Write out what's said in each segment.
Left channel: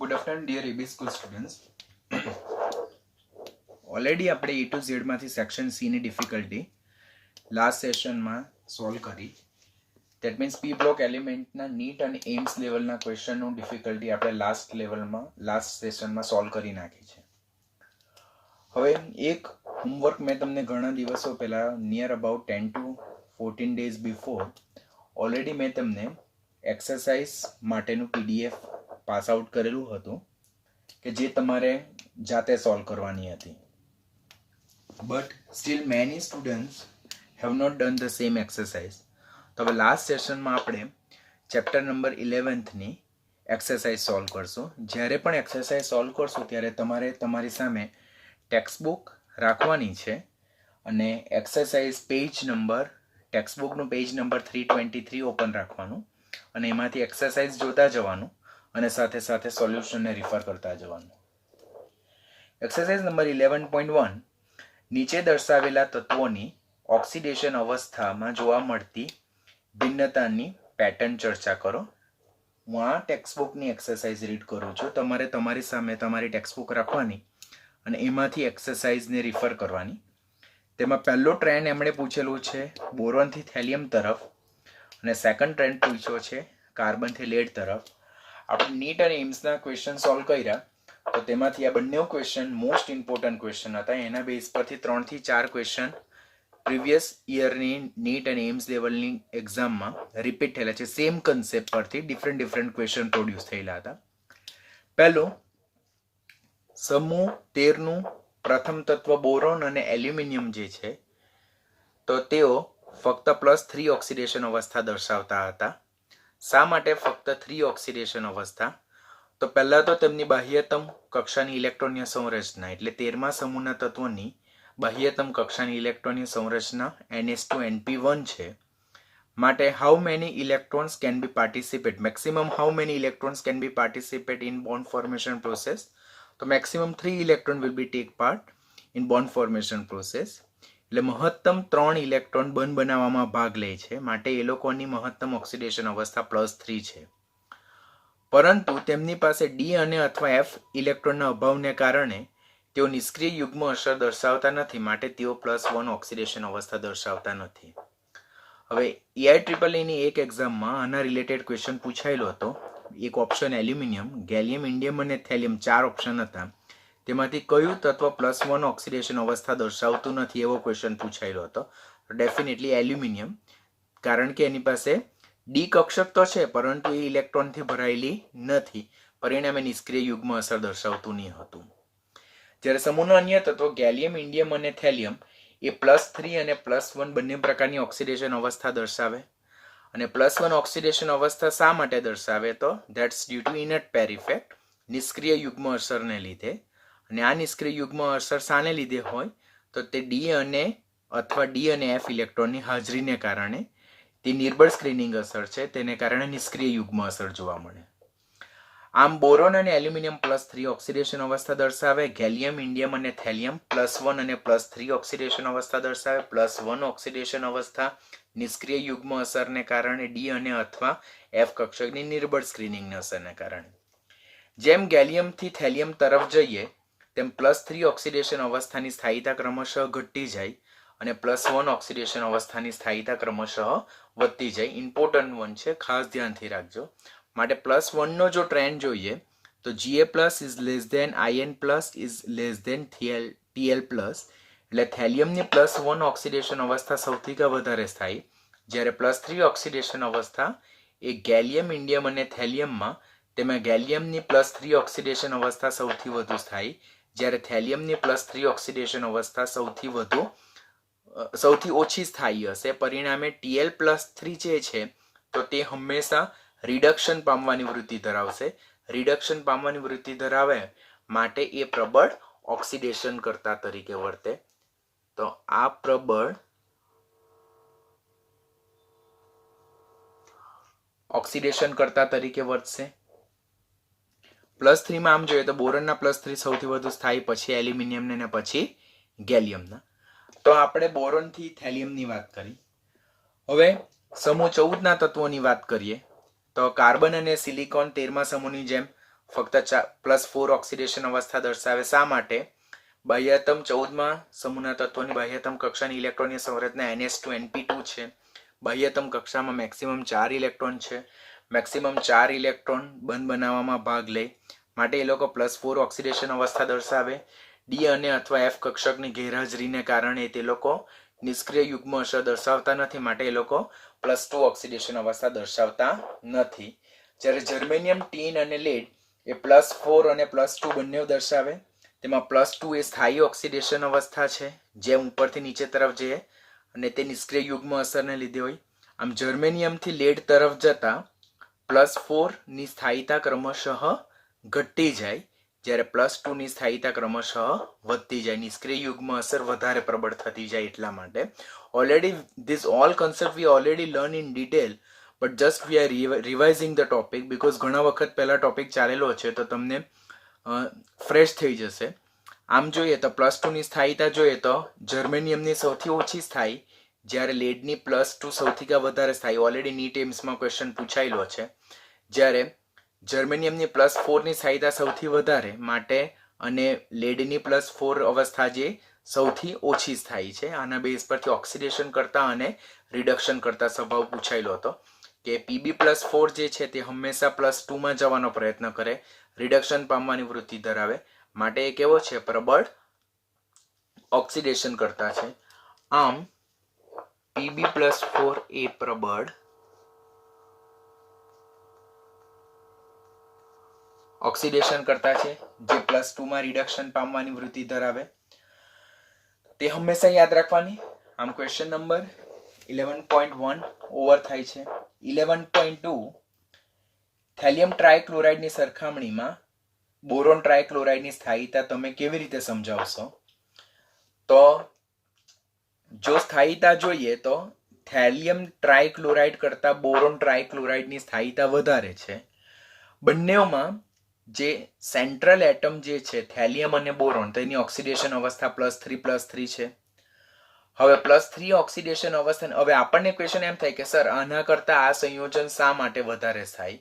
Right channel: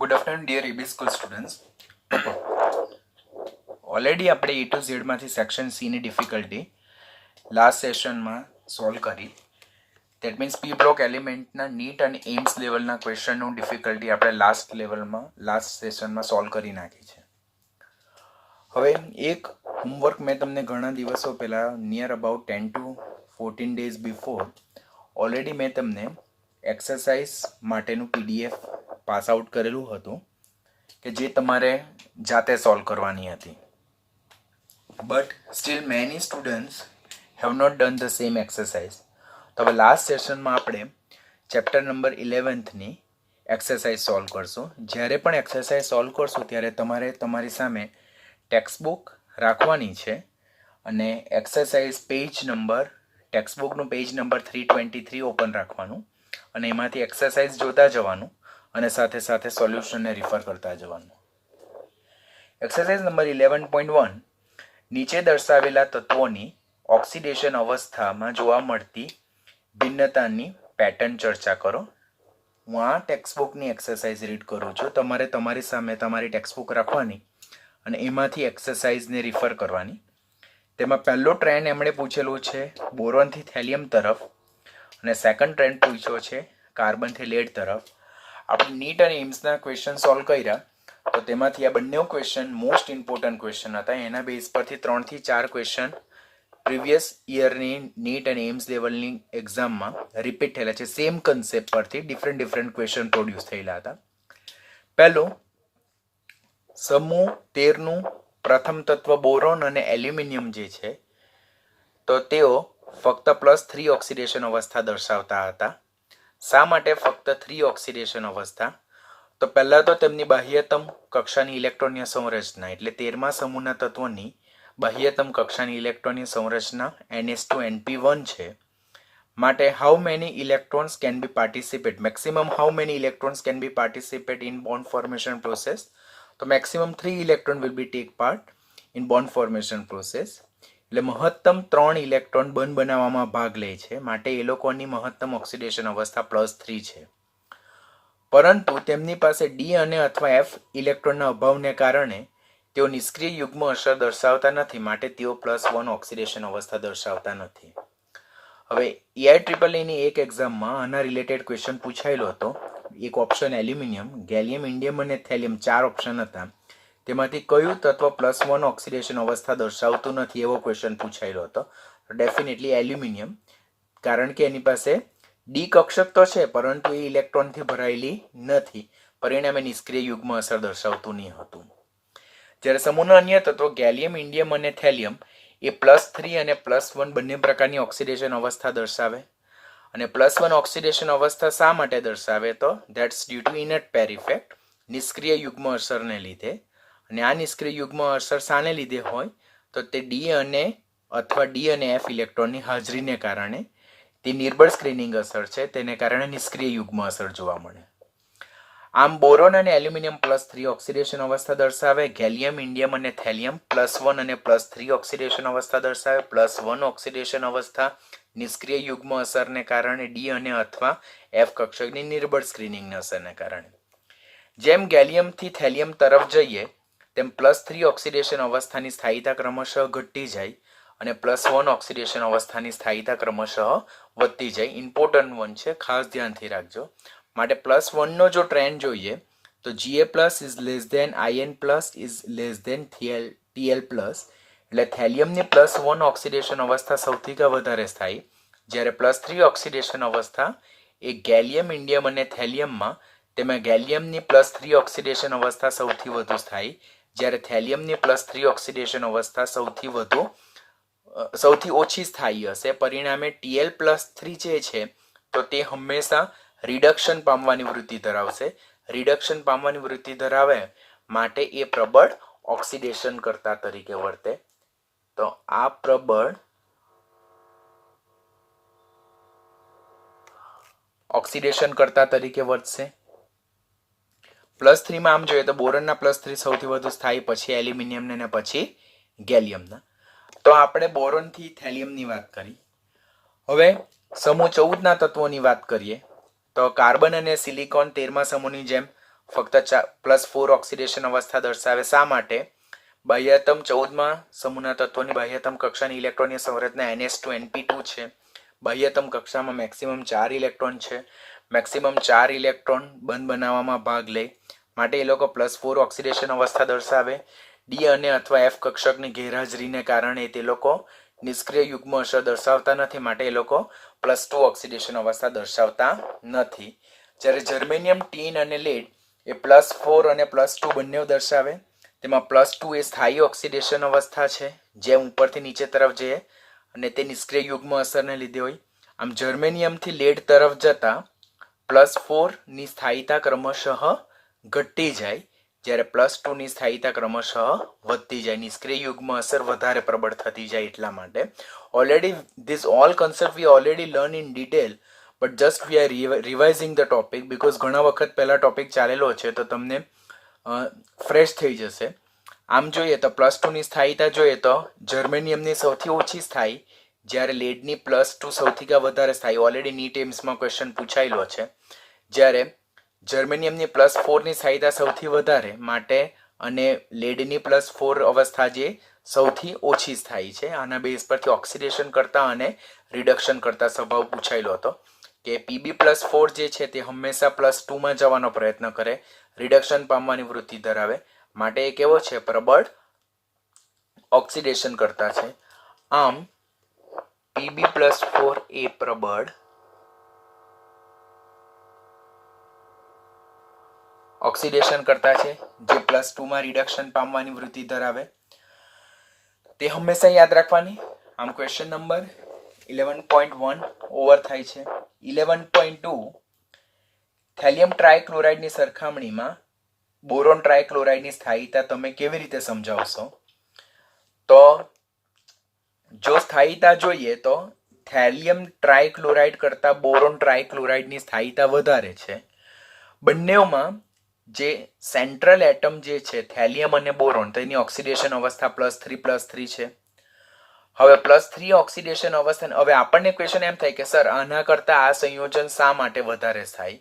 Good afternoon, dear EB school students. Already આપણે A to Z માંથી section C ની difficulty last સેશનમાં solve કરી. દેટ મીન્સ પી બ્લોક એલિમેન્ટના NEET અને એમ્સ લેવલના ક્વેશ્ચનનું ડિફિકલ્ટી આપણે લાસ્ટ સેશનમાં સોલ્વ કરી નાખી છે. હવે એક હોમવર્ક મેં તમને ઘણા દિવસો પહેલાં near about 10 to 14 days before already મેં તમને એક્સરસાઇઝ માટેનું PDF પાસ આઉટ કરેલું હતું કે જે તમારે જાતે સોલ્વ કરવાની હતી. But still many students have not done the same exercise. તો હવે લાસ્ટ સેશનમાં આપણે ચેપ્ટર નંબર 11ની એક્સરસાઇઝ સોલ્વ કરશું. જ્યારે પણ એક્સરસાઇઝ સોલ્વ કરશું ત્યારે તમારે તમારી સામે ટેક્સ્ટબુક રાખવાની છે અને એક્સરસાઇઝ ટેક્સ્ટબુકનું પેજ નંબર 323 ઓપન રાખવાનું અને એમાંથી એક્સરસાઇઝ જોતા જવાનું અને સાથે સાથે સોલ્યુશનને રિફર કરતા જવાનું. એક્સરસાઇઝ નંબર 11.1 નીચે દર્શાવેલા તત્વોની ઓક્સિડેશન અવસ્થામાં જોવા મળતી ભિન્નતાની પેટર્ન ચર્ચા કરો. હું આ ટેક્સ્ટબુકની એક્સરસાઇઝ રીડ કરું છું. તમારે તમારી સામે તમારી ટેક્સ્ટબુક રાખવાની અને એમાંથી એક્સરસાઇઝને રિફર કરવાની. તેમાં પહેલો ટ્રેન્ડ એમણે પૂછેલું છે બોરોનથી થેલિયમ તરફ અને સેકન્ડ ટ્રેન્ડ પૂછ્યો છે કાર્બનથી લેડ તરફ. આપણે નીટ અને એમ્સના ક્વેશ્ચન સોલ્વ કર્યા તો તેમાંથી આ બંને ક્વેશ્ચન મોસ્ટ ઇમ્પોર્ટન્ટ ક્વેશ્ચન હતા. એના બેઝ પરથી 3 થી 4 ક્વેશ્ચન પ્રીવિયસ યરની નીટ અને એમ્સ લેવલની એક્ઝામમાં રિપીટ થયેલા છે. સેમ કન્સેપ્ટ પરથી ડિફરન્ટ ક્વેશ્ચન પ્રોડ્યુસ થયેલા હતા. પહેલું, સમૂહ 13નું પ્રથમ તત્વ બોરોન અને એલ્યુમિનિયમ જે છે તો તેઓ ફક્ત +3 ઓક્સિડેશન અવસ્થા દર્શાવતા હતા. શા માટે ફક્ત 3 ઓક્સિડેશન અવસ્થા? તો પહેલાં તો તેમની બાહ્યતમ કક્ષાની ઇલેક્ટ્રોનીય સંરચના એટલે 13મા સમૂહના તત્વોની બાહ્યતમ કક્ષાની ઇલેક્ટ્રોનીય સંરચના NH2NP1 છે. માટે how many electrons can be participate, maximum how many electrons can be participate in bond formation process? તો maximum 3 electron will be take part in bond formation process. એટલે મહત્તમ 3 ઇલેક્ટ્રોન બંધ બનાવવામાં ભાગ લે છે. માટે એ લોકોની મહત્તમ ઓક્સિડેશન અવસ્થા +3 છે. પરંતુ તેમની પાસે ડી અને અથવા એફ ઇલેક્ટ્રોનના અભાવને કારણે તેઓ નિષ્ક્રિય યુગ્મ અસર દર્શાવતા નથી. માટે તેઓ +1 ઓક્સિડેશન અવસ્થા દર્શાવતા નથી. હવે EIEEEની એક એક્ઝામમાં આના રિલેટેડ ક્વેશ્ચન પૂછાયેલો હતો. એક ઓપ્શન એલ્યુમિનિયમ, ગેલિયમ, ઇન્ડિયમ અને થેલિયમ 4 ઓપ્શન હતા. તેમાંથી કયું તત્વ +1 ઓક્સિડેશન અવસ્થા દર્શાવતું નથી એવો ક્વેશ્ચન પૂછાયેલો હતો. ડેફિનેટલી એલ્યુમિનિયમ, કારણ કે એની પાસે ડી કક્ષક તો છે પરંતુ એ ઇલેક્ટ્રોનથી ભરાયેલી નથી. પરિણામે નિષ્ક્રિય યુગ્મ અસર દર્શાવતું નહીં હતું. જ્યારે સમૂહના અન્ય તત્વો ગેલિયમ, ઇન્ડિયમ અને થેલિયમ એ +3 અને +1 બંને પ્રકારની ઓક્સિડેશન અવસ્થા દર્શાવે. અને +1 ઓક્સિડેશન અવસ્થા શા માટે દર્શાવે? તો that's due to inert pair effect, નિષ્ક્રિય યુગ્મ અસરને લીધે. અને આ નિષ્ક્રિય યુગ્મ અસર શાને લીધે હોય? તો તે ડી અને એફ ઇલેક્ટ્રોનની હાજરીને કારણે. તે નિર્બળ સ્ક્રીનિંગ અસર છે, તેને કારણે નિષ્ક્રિય યુગ્મ અસર જોવા મળે. આમ બોરોન અને એલ્યુમિનિયમ +3 ઓક્સિડેશન અવસ્થા દર્શાવે. ગેલિયમ, ઇન્ડિયમ અને થેલિયમ +1 અને +3 ઓક્સિડેશન અવસ્થા દર્શાવે. +1 ઓક્સિડેશન અવસ્થા નિષ્ક્રિય યુગ્મ અસરને કારણે, ડી અને અથવા એફ કક્ષકની નિર્બળ સ્ક્રીનિંગની અસરને કારણે. જેમ ગેલિયમથી થેલિયમ તરફ જઈએ તેમ +3 ઓક્સિડેશન અવસ્થાની સ્થાયીતા ક્રમશઃ ઘટતી જાય અને +1 ઓક્સિડેશન અવસ્થાની સ્થાયીતા ક્રમશઃ વધતી જાય. ઇમ્પોર્ટન્ટ વન છે, ખાસ ધ્યાનથી રાખજો. માટે +1નો જો ટ્રેન્ડ જોઈએ તો Ga+ is less than In+ is less than Tl+. એટલે થેલિયમની +1 ઓક્સિડેશન અવસ્થા સૌથી વધારે સ્થાયી, જ્યારે +3 ઓક્સિડેશન અવસ્થા એ ગેલિયમ, ઇન્ડિયમ અને થેલિયમમાં તેમાં ગેલિયમની +3 ઓક્સિડેશન અવસ્થા સૌથી વધુ સ્થાયી, જ્યારે થેલિયમની +3 ઓક્સિડેશન અવસ્થા સૌથી ઓછી સ્થાયી હશે. પરિણામે Tl+3 જે છે તો તે હંમેશા રિડક્શન પામવાની વૃત્તિ ધરાવશે. રિડક્શન પામવાની વૃત્તિ ધરાવે માટે એ પ્રબળ ઓક્સિડેશન કરતા તરીકે વર્તે. તો આ પ્રબળ ઓક્સિડેશન કરતા તરીકે વર્તશે. +3માં આમ જોઈએ તો બોરોનના +3 સૌથી વધુ સ્થાયી, પછી એલ્યુમિનિયમને અને પછી ગેલિયમના. તો આપણે બોરોનથી થેલિયમની વાત કરી. હવે સમૂહ 14ના તત્વોની વાત કરીએ તો કાર્બન અને સિલિકોન 13મા સમૂહની જેમ ફક્ત +4 ઓક્સિડેશન અવસ્થા દર્શાવે. શા માટે? બાહ્યતમ 14માં સમૂહના તત્વોની બાહ્યતમ કક્ષાની ઇલેક્ટ્રોનની સંરચના NH2 છે. બાહ્યતમ કક્ષામાં મેક્સિમમ 4 ઇલેક્ટ્રોન છે. મેક્સિમમ 4 ઇલેક્ટ્રોન બંધ બનાવવામાં ભાગ લે માટે એ લોકો +4 ઓક્સિડેશન અવસ્થા દર્શાવે. ડી અને અથવા એફ કક્ષકની ગેરહાજરીને કારણે તે લોકો નિષ્ક્રિય યુગ્મ અસર દર્શાવતા નથી માટે એ લોકો +2 ઓક્સિડેશન અવસ્થા દર્શાવતા નથી. જ્યારે જર્મેનિયમ, ટીન અને લેડ એ +4 અને +2 બંને દર્શાવે. તેમાં +2 એ સ્થાયી ઓક્સિડેશન અવસ્થા છે, જેમ ઉપરથી નીચે તરફ જઈએ અને તે નિષ્ક્રિય યુગ્મ અસરને લીધે હોય. આમ જર્મેનિયમથી લેડ તરફ જતા +4 ની સ્થાયીતા ક્રમશઃ ઘટતી જાય, જ્યારે +2 ની સ્થાયીતા ક્રમશઃ વધતી જાય. નિષ્ક્રિય યુગ્મ અસર વધારે પ્રબળ થતી જાય એટલા માટે. Already this all concept we already learn in detail, but just we are revising the topic because ઘણા વખત પહેલા ટોપિક ચાલેલો છે, તો તમને ફ્રેશ થઈ જશે. આમ જોઈએ તો +2 ની સ્થાયીતા જોઈએ તો જર્મેનિયમની સૌથી ઓછી સ્થાયી, જ્યારે લેડની +2 સૌથી વધારે સ્થાયી. ઓલરેડી નીટ એમ્સમાં ક્વેશ્ચન પૂછાયેલો છે. જ્યારે જર્મેનિયમની +4 ની સ્થાયીતા સૌથી વધારે માટે અને લેડની +4 અવસ્થા જે સૌથી ઓછી સ્થાયી છે. આના બેઝ પરથી ઓક્સિડેશન કરતા અને રિડક્શન કરતા સ્વભાવ પૂછાયેલો હતો કે Pb+4 જે છે તે હંમેશા +2 માં જવાનો પ્રયત્ન કરે, રિડક્શન પામવાની વૃત્તિ ધરાવે માટે એ કેવો છે? પ્રબળ ઓક્સિડેશન કરતા છે. આમ Pb+4 એ પ્રબળ ઓક્સિડેશન કરતા છે, જે +2 માં રિડક્શન પામવાની વૃત્તિ ધરાવે. તે હંમેશા યાદ રાખવાની. આમ ક્વેશ્ચન નંબર 11.1 ઓવર થાય છે. 11.2 થેલિયમ ટ્રાયક્લોરાઇડની સરખામણીમાં બોરોન ટ્રાયક્લોરાઇડની સ્થાયીતા તમે કેવી રીતે સમજાવશો? તો જો સ્થાયીતા જોઈએ તો થેલિયમ ટ્રાયક્લોરાઇડ કરતા બોરોન ટ્રાયક્લોરાઇડની સ્થાયીતા વધારે છે. બંનેમાં જે સેન્ટ્રલ એટમ જે છે થેલિયમ અને બોરોન, તેની ઓક્સિડેશન અવસ્થા +3 છે. હવે +3 ઓક્સિડેશન અવસ્થા, હવે આપણને ક્વેશ્ચન એમ થાય કે સર આના કરતા આ સંયોજન શા માટે વધારે થાય?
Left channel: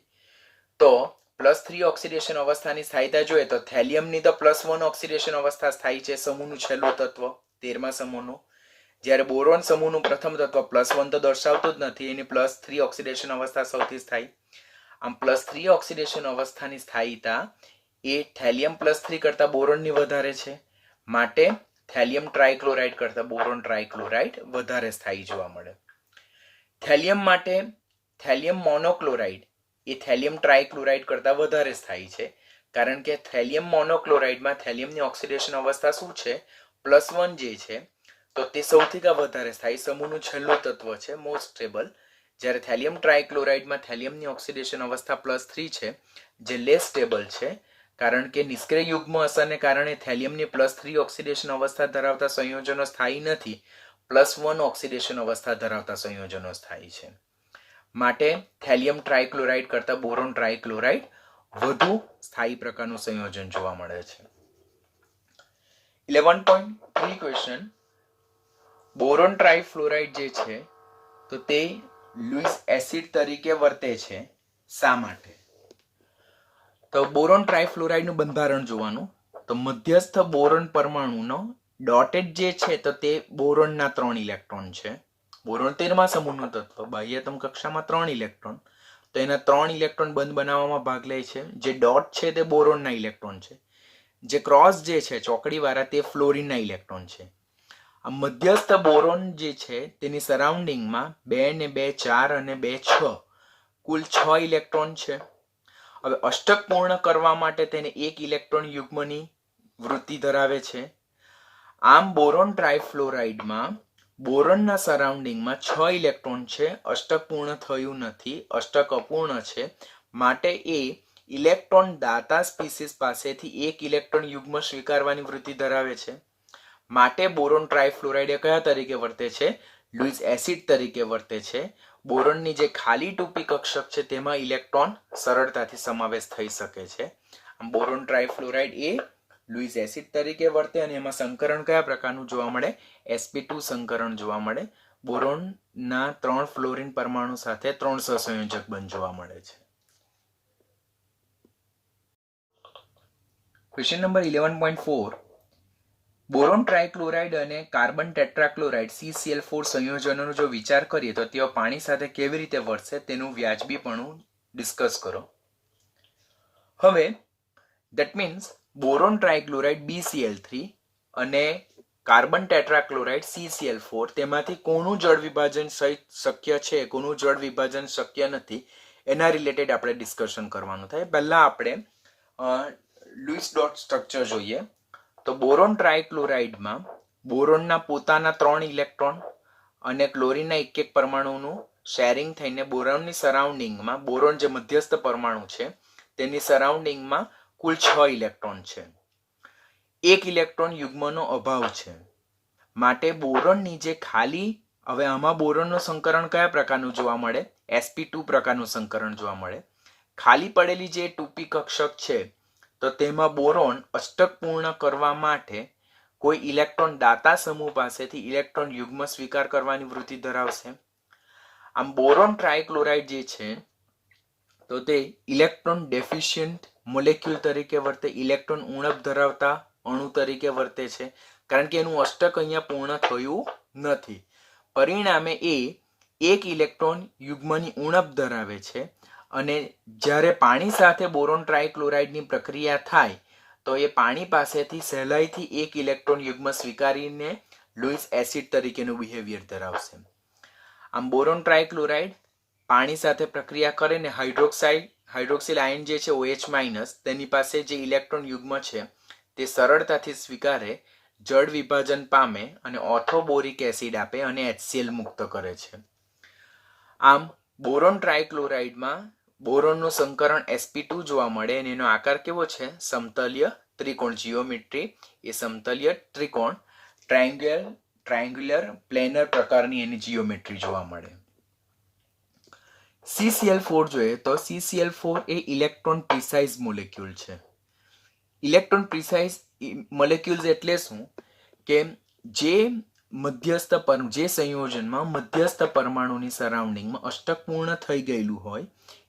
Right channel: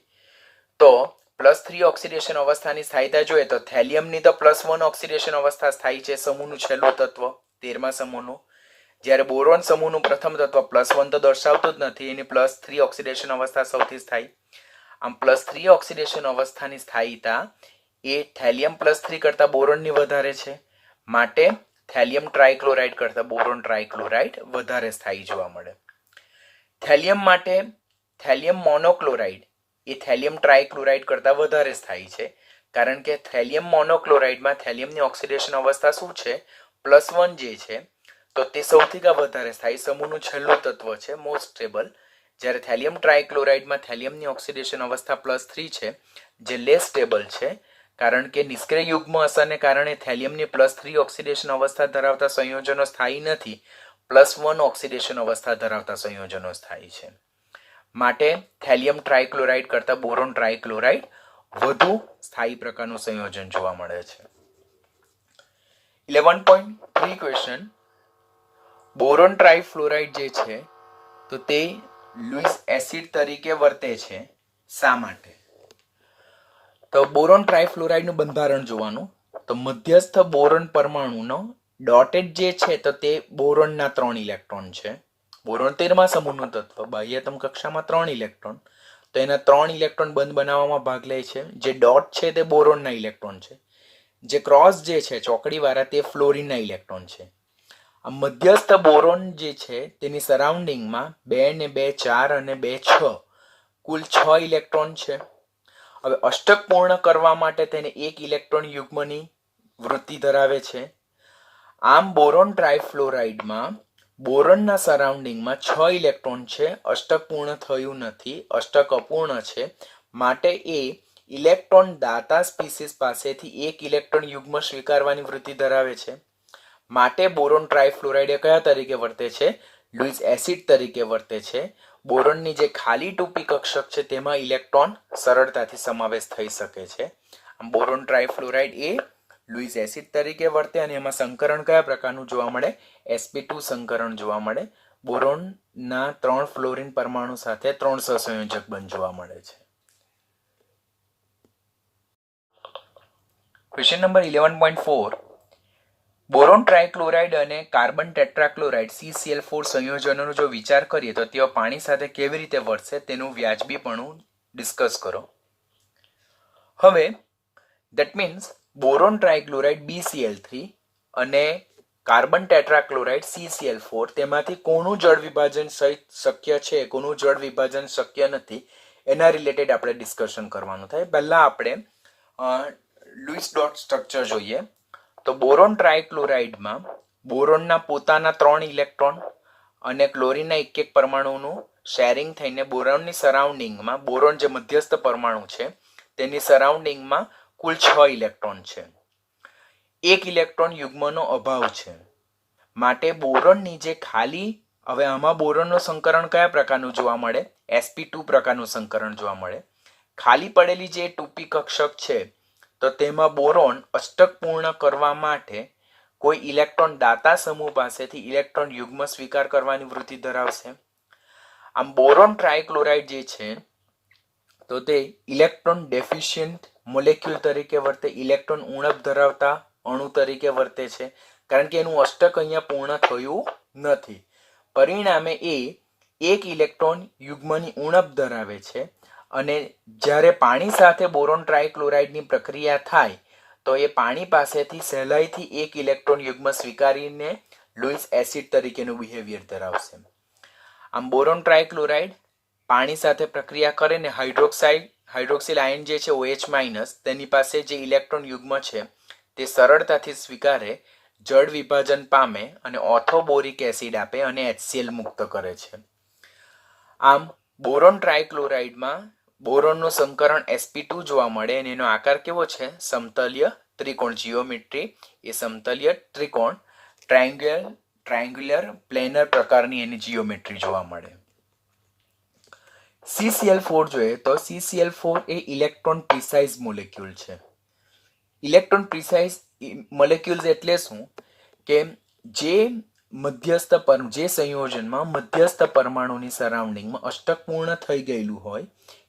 તો +3 ઓક્સિડેશન અવસ્થાની સ્થાયીતા જોઈએ તો થેલિયમની તો +1 ઓક્સિડેશન અવસ્થા સ્થાયી છે, સમૂહનું છેલ્લું તત્વ 13મા સમૂહનું. જ્યારે બોરોન સમૂહનું પ્રથમ તત્વ +1 તો દર્શાવતું જ નથી, એની +3 ઓક્સિડેશન અવસ્થા સૌથી સ્થાયી. આમ +3 ઓક્સિડેશન અવસ્થાની સ્થાયીતા એ થેલિયમ +3 કરતા બોરોનની વધારે છે, માટે થેલિયમ ટ્રાયક્લોરાઇડ કરતા બોરોન ટ્રાયક્લોરાઇડ વધારે સ્થાયી જોવા મળે. થેલિયમ માટે થેલિયમ મોનોક્લોરાઇડ એ થેલિયમ ટ્રાયક્લોરાઇડ કરતા વધારે સ્થાયી છે, કારણ કે થેલિયમ મોનોક્લોરાઇડમાં થેલિયમની ઓક્સિડેશન અવસ્થા શું છે? +1 જે છે, તો તે સૌથી વધારે સ્થાયી, સમૂહનું છેલ્લું તત્વ છે, મોસ્ટ સ્ટેબલ. જ્યારે થેલિયમ ટ્રાયક્લોરાઇડમાં થેલિયમની ઓક્સિડેશન અવસ્થા +3 છે, જે લેસ સ્ટેબલ છે, કારણ કે નિષ્ક્રિય યુગ્મ અસરને કારણે થેલિયમની +3 ઓક્સિડેશન અવસ્થા ધરાવતા સંયોજનો સ્થાયી નથી, +1 ઓક્સિડેશન અવસ્થા ધરાવતા સંયોજનો સ્થાયી છે. માટે થેલિયમ ટ્રાયક્લોરાઇડ કરતા બોરોન ટ્રાયક્લોરાઇડ વધુ સ્થાયી પ્રકારનું સંયોજન જોવા મળે છે. 11.3 ક્વેશ્ચન, બોરોન ટ્રાયફ્લોરાઇડ જે છે તો તે લુઇસ એસિડ તરીકે વર્તે છે, શા માટે? તો બોરોન ટ્રાયફ્લોરાઇડનું બંધારણ જોવાનું. તો મધ્યસ્થ બોરોન પરમાણુનો ડોટેડ જે છે તો તે બોરોનના 3 ઇલેક્ટ્રોન છે. બોરોન 13મા સમૂહનું તત્વ, બાહ્યતમ કક્ષામાં 3 ઇલેક્ટ્રોન, તો એના 3 ઇલેક્ટ્રોન બંધ બનાવવામાં ભાગ લે છે. જે ડોટ છે તે બોરોનના ઇલેક્ટ્રોન છે, જે ક્રોસ જે છે ચોકડીવાળા તે ફ્લોરિનના ઇલેક્ટ્રોન છે. આ મધ્યસ્થ બોરોન જે છે તેની સરાઉન્ડિંગમાં 2 ને 2 4 અને 2 6 કુલ 6 ઇલેક્ટ્રોન છે. હવે અષ્ટક પૂર્ણ કરવા માટે તેને 1 ઇલેક્ટ્રોન યુગ્મની વૃત્તિ ધરાવે છે. આમ બોરોન ટ્રાયફ્લોરાઇડમાં બોરોનના સરાઉન્ડિંગમાં 6 ઇલેક્ટ્રોન છે, અષ્ટક પૂર્ણ થયું નથી, અષ્ટક અપૂર્ણ છે, માટે એ ઇલેક્ટ્રોન દાતા સ્પીસીસ પાસેથી 1 ઇલેક્ટ્રોન યુગ્મ સ્વીકારવાની વૃત્તિ ધરાવે છે. માટે બોરોન ટ્રાયફ્લોરાઇડ કયા તરીકે વર્તે છે? લુઇસ એસિડ તરીકે વર્તે છે. બોરોનની જે ખાલી ટૂંપી કક્ષક છે તેમાં ઇલેક્ટ્રોન સરળતાથી સમાવેશ થઈ શકે છે. આમ બોરોન ટ્રાયફ્લોરાઇડ એ લુઇસ એસિડ તરીકે વર્તે અને એમાં સંકરણ કયા પ્રકારનું જોવા મળે? sp2 સંકરણ જોવા મળે. બોરોનના 3 ફ્લોરિન પરમાણુ સાથે 3 સહસંયોજક બંધ જોવા મળે છે. ક્વેશ્ચન નંબર 11.4 બોરોન ટ્રાયક્લોરાઇડ અને કાર્બન ટેટ્રાક્લોરાઇડ CCl4 સંયોજનોનો જો વિચાર કરીએ તો તેઓ પાણી સાથે કેવી રીતે વર્તશે તેનું વ્યાજબીપણું ડિસ્કસ કરો. હવે ધેટ મીન્સ બોરોન ટ્રાયક્લોરાઇડ BCl3 અને કાર્બન ટેટ્રાક્લોરાઇડ CCl4 તેમાંથી કોનું જળ વિભાજન શક્ય છે, કોનું જળ વિભાજન શક્ય નથી, એના રિલેટેડ આપણે ડિસ્કશન કરવાનું થાય. પહેલા આપણે લુઈસ ડોટ સ્ટ્રક્ચર જોઈએ. તો બોરોન ટ્રાયક્લોરાઇડમાં બોરોનના પોતાના 3 ઇલેક્ટ્રોન અને ક્લોરીનના એક પરમાણુનું શેરિંગ થઈને બોરોનની સરાઉન્ડિંગમાં, બોરોન જે મધ્યસ્થ પરમાણુ છે તેની સરાઉન્ડિંગમાં કુલ 6 ઇલેક્ટ્રોન છે. 1 ઇલેક્ટ્રોન યુગ્મનો અભાવ છે. માટે બોરોનની જે ખાલી, હવે આમાં બોરોનનું સંકરણ કયા પ્રકારનું જોવા મળે? sp2 પ્રકારનું સંકરણ જોવા મળે. ખાલી પડેલી જે 2p કક્ષક છે તો તેમાં બોરોન અષ્ટક પૂર્ણ કરવા માટે કોઈ ઇલેક્ટ્રોન દાતા સમૂહ પાસેથી ઇલેક્ટ્રોન યુગ્મ સ્વીકાર કરવાની વૃત્તિ ધરાવશે. આમ બોરોન ટ્રાયક્લોરાઇડ જે છે તો તે ઇલેક્ટ્રોન ડેફિશિયન્ટ મોલેક્યુલ તરીકે વર્તે, ઇલેક્ટ્રોન ઉણપ ધરાવતા અણુ તરીકે વર્તે છે, કારણ કે એનું અષ્ટક અહીંયા પૂર્ણ થયું નથી. પરિણામે એ એક ઇલેક્ટ્રોન યુગ્મની ઉણપ ધરાવે છે અને જ્યારે પાણી સાથે બોરોન ટ્રાયક્લોરાઇડની પ્રક્રિયા થાય તો એ પાણી પાસેથી સહેલાઈથી એક ઇલેક્ટ્રોન યુગ્મ સ્વીકારીને લુઈસ એસિડ તરીકેનું બિહેવિયર ધરાવશે. આમ બોરોન ટ્રાયક્લોરાઇડ પાણી સાથે પ્રક્રિયા કરે ને હાઇડ્રોક્સિલ આયન જે છે OH- તેની પાસે જે ઇલેક્ટ્રોન યુગ્મ છે તે સરળતાથી સ્વીકારે, જળ વિભાજન પામે અને ઓર્થોબોરિક એસિડ આપે અને HCl મુક્ત કરે છે. આમ બોરોન ટ્રાયક્લોરાઇડમાં બોરોનનું સંકરણ sp2 જોવા મળે અને એનો આકાર કેવો છે? સમતલ્ય ત્રિકોણ. જીઓમેટ્રી એ સમતલ્ય ત્રિકોણ, ટ્રાયંગ્યુલર પ્લેનર પ્રકારની એની જીઓમેટ્રી જોવા મળે. CCl4 જોઈએ તો CCl4 એ ઇલેક્ટ્રોન પ્રિસાઇઝ મોલેક્યુલ છે. ઇલેક્ટ્રોન પ્રિસાઇઝ મોલેક્યુલ્સ એટલે શું? કે જે સંયોજનમાં મધ્યસ્થ પરમાણુની સરાઉન્ડિંગમાં અષ્ટક પૂર્ણ થઈ ગયેલું હોય,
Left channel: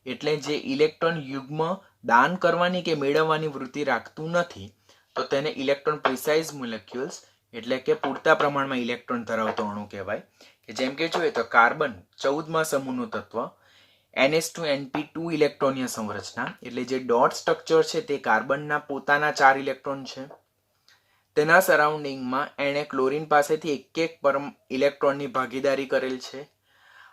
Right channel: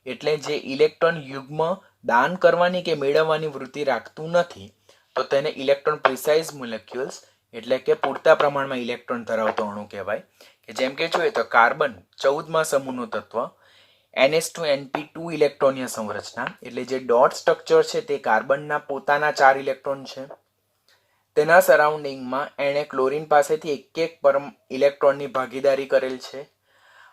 એટલે જે ઇલેક્ટ્રોન યુગ્મ દાન કરવાની કે મેળવવાની વૃત્તિ રાખતું નથી, તો તેને ઇલેક્ટ્રોન પ્રિસાઇઝ મોલેક્યુલ્સ એટલે કે પૂરતા પ્રમાણમાં ઇલેક્ટ્રોન ધરાવતો અણુ કહેવાય. કે જેમ કે જોઈએ તો કાર્બન 14મા સમૂહનું તત્વ, NH2 ઇલેક્ટ્રોનીય સંરચના, એટલે જે ડોટ સ્ટ્રક્ચર છે તે કાર્બનના પોતાના 4 ઇલેક્ટ્રોન છે. તેના સરાઉન્ડિંગમાં એણે ક્લોરીન પાસેથી એક ઇલેક્ટ્રોનની ભાગીદારી કરેલ છે.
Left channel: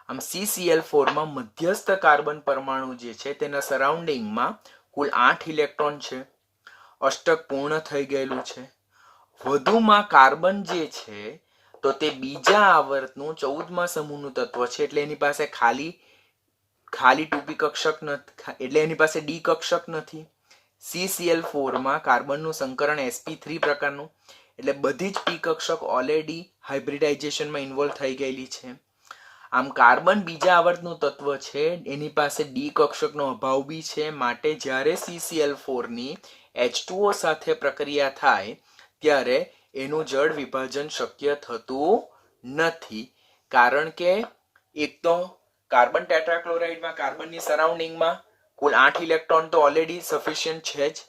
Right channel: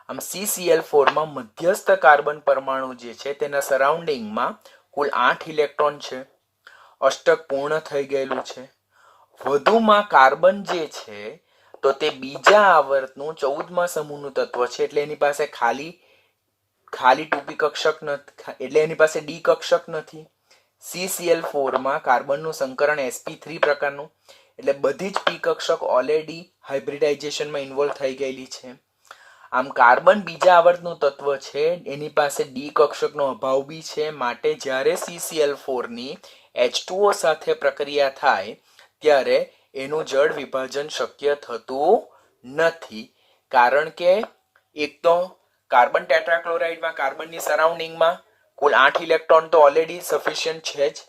આમ CCl4માં મધ્યસ્થ કાર્બન પરમાણુ જે છે તેના સરાઉન્ડિંગમાં કુલ 8 ઇલેક્ટ્રોન છે. અષ્ટક પૂર્ણ થઈ ગયેલું છે. વધુમાં કાર્બન જે છે તો તે બીજા આવર્તનું 14મા સમૂહનું તત્વ છે, એટલે એની પાસે ખાલી 2p કક્ષક નથી, એટલે એની પાસે d કક્ષક નથી. CCl4માં કાર્બનનું સંકરણ sp3 પ્રકારનું, એટલે બધી જ p કક્ષક ઓલરેડી હાઇબ્રિડાઇઝેશનમાં ઇન્વોલ્વ થઈ ગયેલી છે. આમ કાર્બન બીજા આવર્તનું તત્વ છે, એની પાસે d કક્ષકનો અભાવ બી છે. માટે જ્યારે CCl4ની H2O સાથે પ્રક્રિયા થાય ત્યારે એનું જળ વિભાજન શક્ય થતું નથી, કારણ કે એક તો કાર્બન ટેટ્રાક્લોરાઇડમાં કાર્બનની સરાઉન્ડિંગમાં કુલ 8 ઇલેક્ટ્રોન તો ઓલરેડી સફિશિયન્ટ છે જ,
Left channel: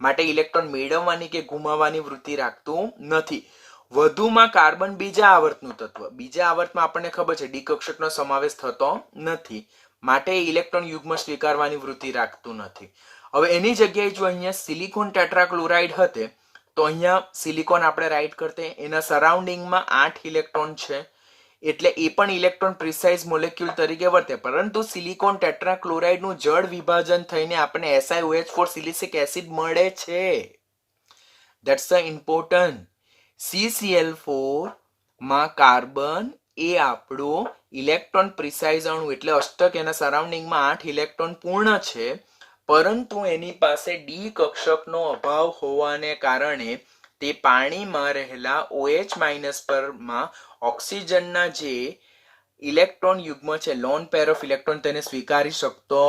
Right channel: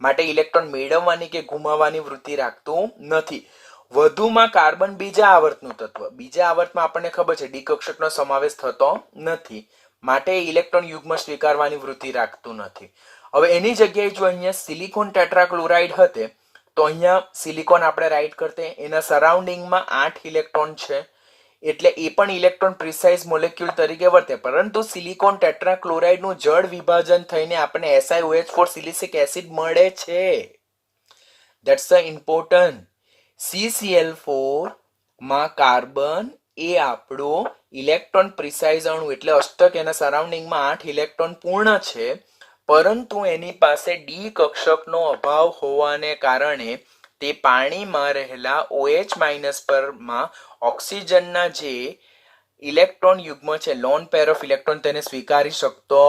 માટે ઇલેક્ટ્રોન મેળવવાની કે ગુમાવવાની વૃત્તિ રાખતું નથી. વધુમાં કાર્બન બીજા આવર્તનું તત્વ, બીજા આવર્તમાં આપણને ખબર છે ડી કક્ષકનો સમાવેશ થતો નથી, માટે ઇલેક્ટ્રોન યુગ્મ સ્વીકારવાની વૃત્તિ રાખતું નથી. હવે એની જગ્યાએ જો અહીંયા સિલિકોન ટેટ્રાક્લોરાઇડ હતે તો અહીંયા સિલિકોન આપણે રાઈટ કરતે, એના સરાઉન્ડિંગમાં 8 ઇલેક્ટ્રોન છે, એટલે એ પણ ઇલેક્ટ્રોન પ્રિસાઇઝ મોલેક્યુલ તરીકે વર્તે. પરંતુ સિલિકોન ટેટ્રાક્લોરાઇડનું જળ વિભાજન થઈને આપણને SiOH4 સિલિસિક એસિડ મળે છે. That's the important. CCl4 માં કાર્બન એ આપણો ઇલેક્ટ્રોન પ્રિસાઇઝ અણુ, એટલે અષ્ટક, એના સરાઉન્ડિંગમાં 8 ઇલેક્ટ્રોન પૂર્ણ છે, પરંતુ એની પાસે ડી કક્ષકનો અભાવ હોવાને કારણે તે પાણીમાં રહેલા OH- પરમાં ઓક્સિજનના જે ઇલેક્ટ્રોન યુગ્મ છે, લોન પેર ઓફ ઇલેક્ટ્રોન, તેને સ્વીકારી શકતો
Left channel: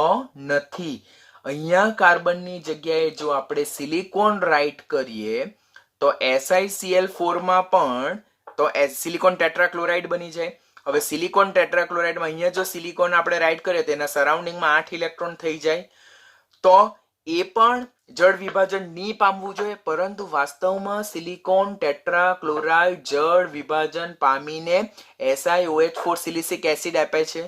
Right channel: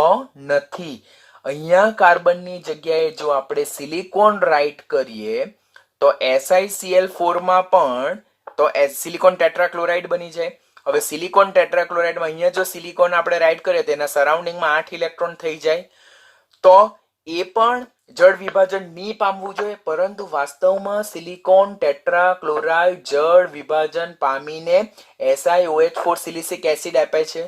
નથી. અહીંયા કાર્બનની જગ્યાએ જો આપણે સિલિકોન રાઈટ કરીએ તો SiCl4માં પણ તો સિલિકોન ટેટ્રાક્લોરાઇડ બની જાય. હવે સિલિકોન ટેટ્રાક્લોરાઇડમાં અહીંયા જો સિલિકોન આપણે રાઈટ કરીએ તેના સરાઉન્ડિંગમાં 8 ઇલેક્ટ્રોન થઈ જાય, તો એ પણ જળ વિભાજન નહીં પામવું જોઈએ, પરંતુ વાસ્તવમાં સિલિકોન ટેટ્રાક્લોરાઇડ જળ વિભાજન પામીને SiOH4 સિલિસિક એસિડ આપે છે.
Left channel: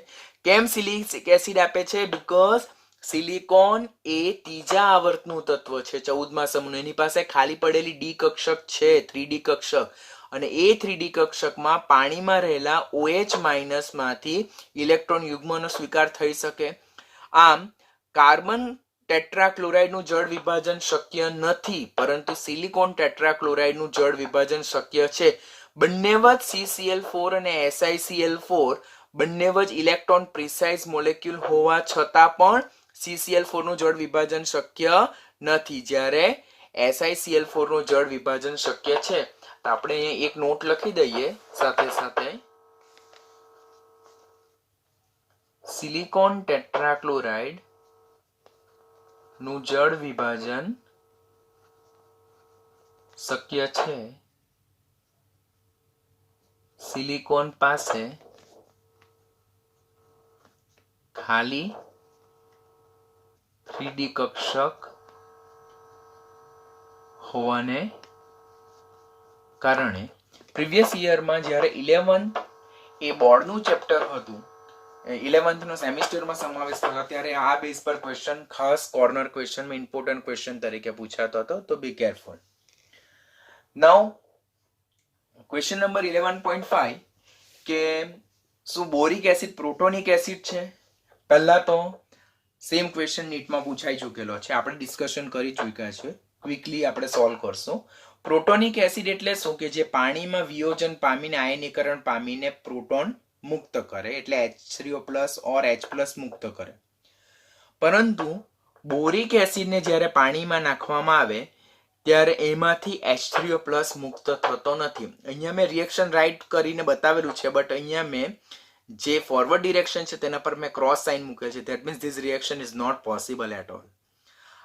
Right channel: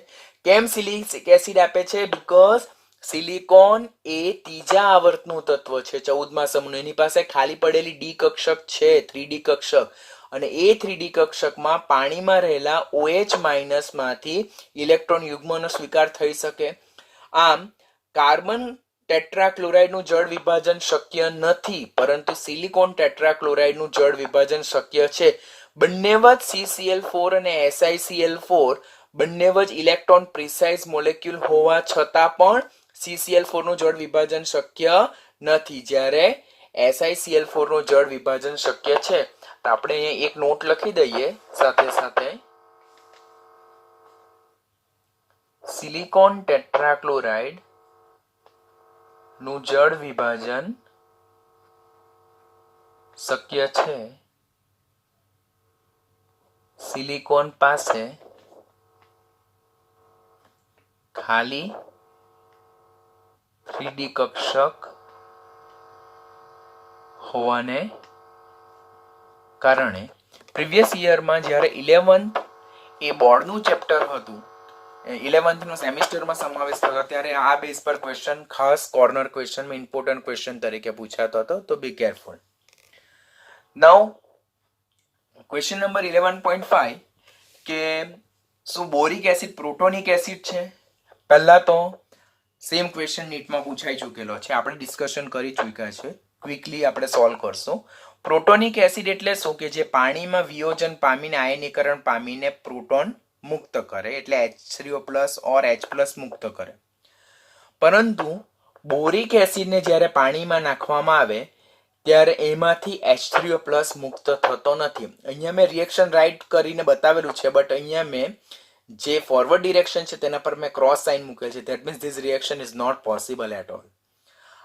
કેમ સિલિસિક એસિડ આપે છે? બીકોઝ સિલિકોન એ ત્રીજા આવર્તનું તત્વ છે 14મા સમૂહ. એની પાસે ખાલી પડેલી ડી કક્ષક છે, 3D કક્ષક, અને એ 3D કક્ષકમાં પાણીમાં રહેલા OH માંથી ઇલેક્ટ્રોન યુગ્મનો સ્વીકાર થઈ શકે. આમ કાર્બન ટેટ્રાક્લોરાઇડનું જળ વિભાજન શક્ય નથી, પરંતુ સિલિકોન ટેટ્રાક્લોરાઇડનું જળ વિભાજન શક્ય છે. બંને જ CCl4 અને SiCl4 બંને જ ઇલેક્ટ્રોન પ્રિસાઇઝ મોલેક્યુલ હોવા છતાં પણ CCl4 નું જળ વિભાજન શક્ય નથી, જ્યારે SiCl4 નું જળ વિભાજન શક્ય છે. તો આપણે અહીંયા એક નોટ લખી દઈએ સાથે સાથે, સિલિકોન ટેટ્રાક્લોરાઇડ નું જળ વિભાજન શક્ય છે. સિલિકોન પાસે ખાલી 3D કક્ષક હોવાને કારણે. પ્રીવિયસ યરમાં જ્યારે 11th એ બોર્ડનું ચેપ્ટર હતું, 11th નો સેમિસ્ટરમાં સમાવેશ થયો, ત્યારે આ બેઝ પર ક્વેશ્ચન ખાસ કોર્નર ક્વેશ્ચનમાં ઇમ્પોર્ટન્ટ ક્વેશ્ચન તરીકે પૂછાતો હતો, તો be careful. Now question number 11.5 કે શું બોરિક એસિડ પ્રોટોનિક એસિડ છે? પહેલા તો સેમ ક્વેશ્ચન નીટમાં પૂછાઈ ચૂકેલો છે, આપણે ડિસ્કશન કરી ચૂક્યા છે, ક્વિકલી આપણે સોલ્વ કરશું. પ્રોટોનિક એસિડ એટલે શું? કે જે પાણીમાં વિયોજન પામીને આયનીકરણ પામીને પ્રોટોન મુક્ત કરે, એટલે H3O+ ઓર H+ મુક્ત કરે. પરંતુ બોરિક એસિડને જ્યારે પાણીમાં નાખવામાં આવે ત્યારે એમાંથી H3O+ મુક્ત થતો નથી. અહીંયા મેં રિએક્શન રાઇટ કરીને બતાવેલું છે, બટ અહીંયા મેં જે ફોરવર્ડ ડિરેક્શન છે તેના પર મેં ક્રોસ સાઇન મૂકેલ છે. That means this reaction is not possible at all.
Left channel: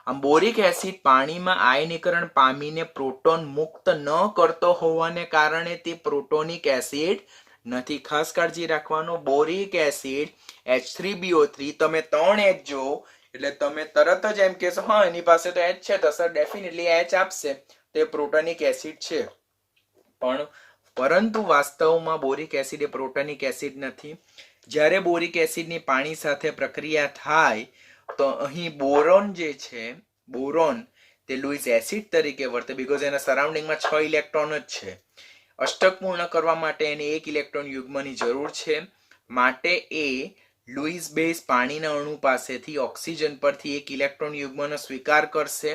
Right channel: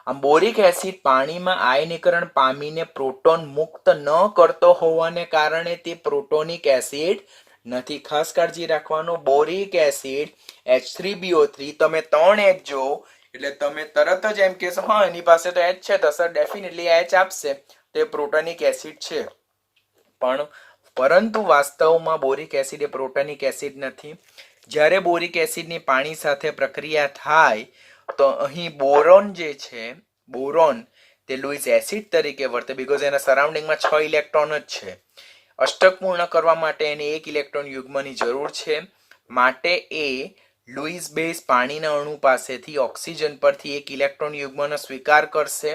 આમ બોરિક એસિડ પાણીમાં આયનીકરણ પામીને પ્રોટોન મુક્ત ન કરતો હોવાને કારણે તે પ્રોટોનિક એસિડ નથી. ખાસ કાળજી રાખવાનું, બોરિક એસિડ H3BO3, તમે 3 H જો એટલે તમે તરત જ એમ કહેશો હા એની પાસે તો H છે, તો સર ડેફિનેટલી H આપશે, તે પ્રોટોનિક એસિડ છે. પણ પરંતુ વાસ્તવમાં બોરિક એસિડ એ પ્રોટોનિક એસિડ નથી. જ્યારે બોરિક એસિડની પાણી સાથે પ્રક્રિયા થાય તો અહીં બોરોન જે છે, બોરોન તે લુઈસ એસિડ તરીકે વર્તે, બીકોઝ એના સરાઉન્ડિંગમાં 6 ઇલેક્ટ્રોન જ છે. અષ્ટક પૂર્ણ કરવા માટે એને 1 ઇલેક્ટ્રોન યુગ્મની જરૂર છે, માટે એ લુઈસ બેઝ પાણીના અણુ પાસેથી ઓક્સિજન પરથી 1 ઇલેક્ટ્રોન યુગ્મનો સ્વીકાર કરશે.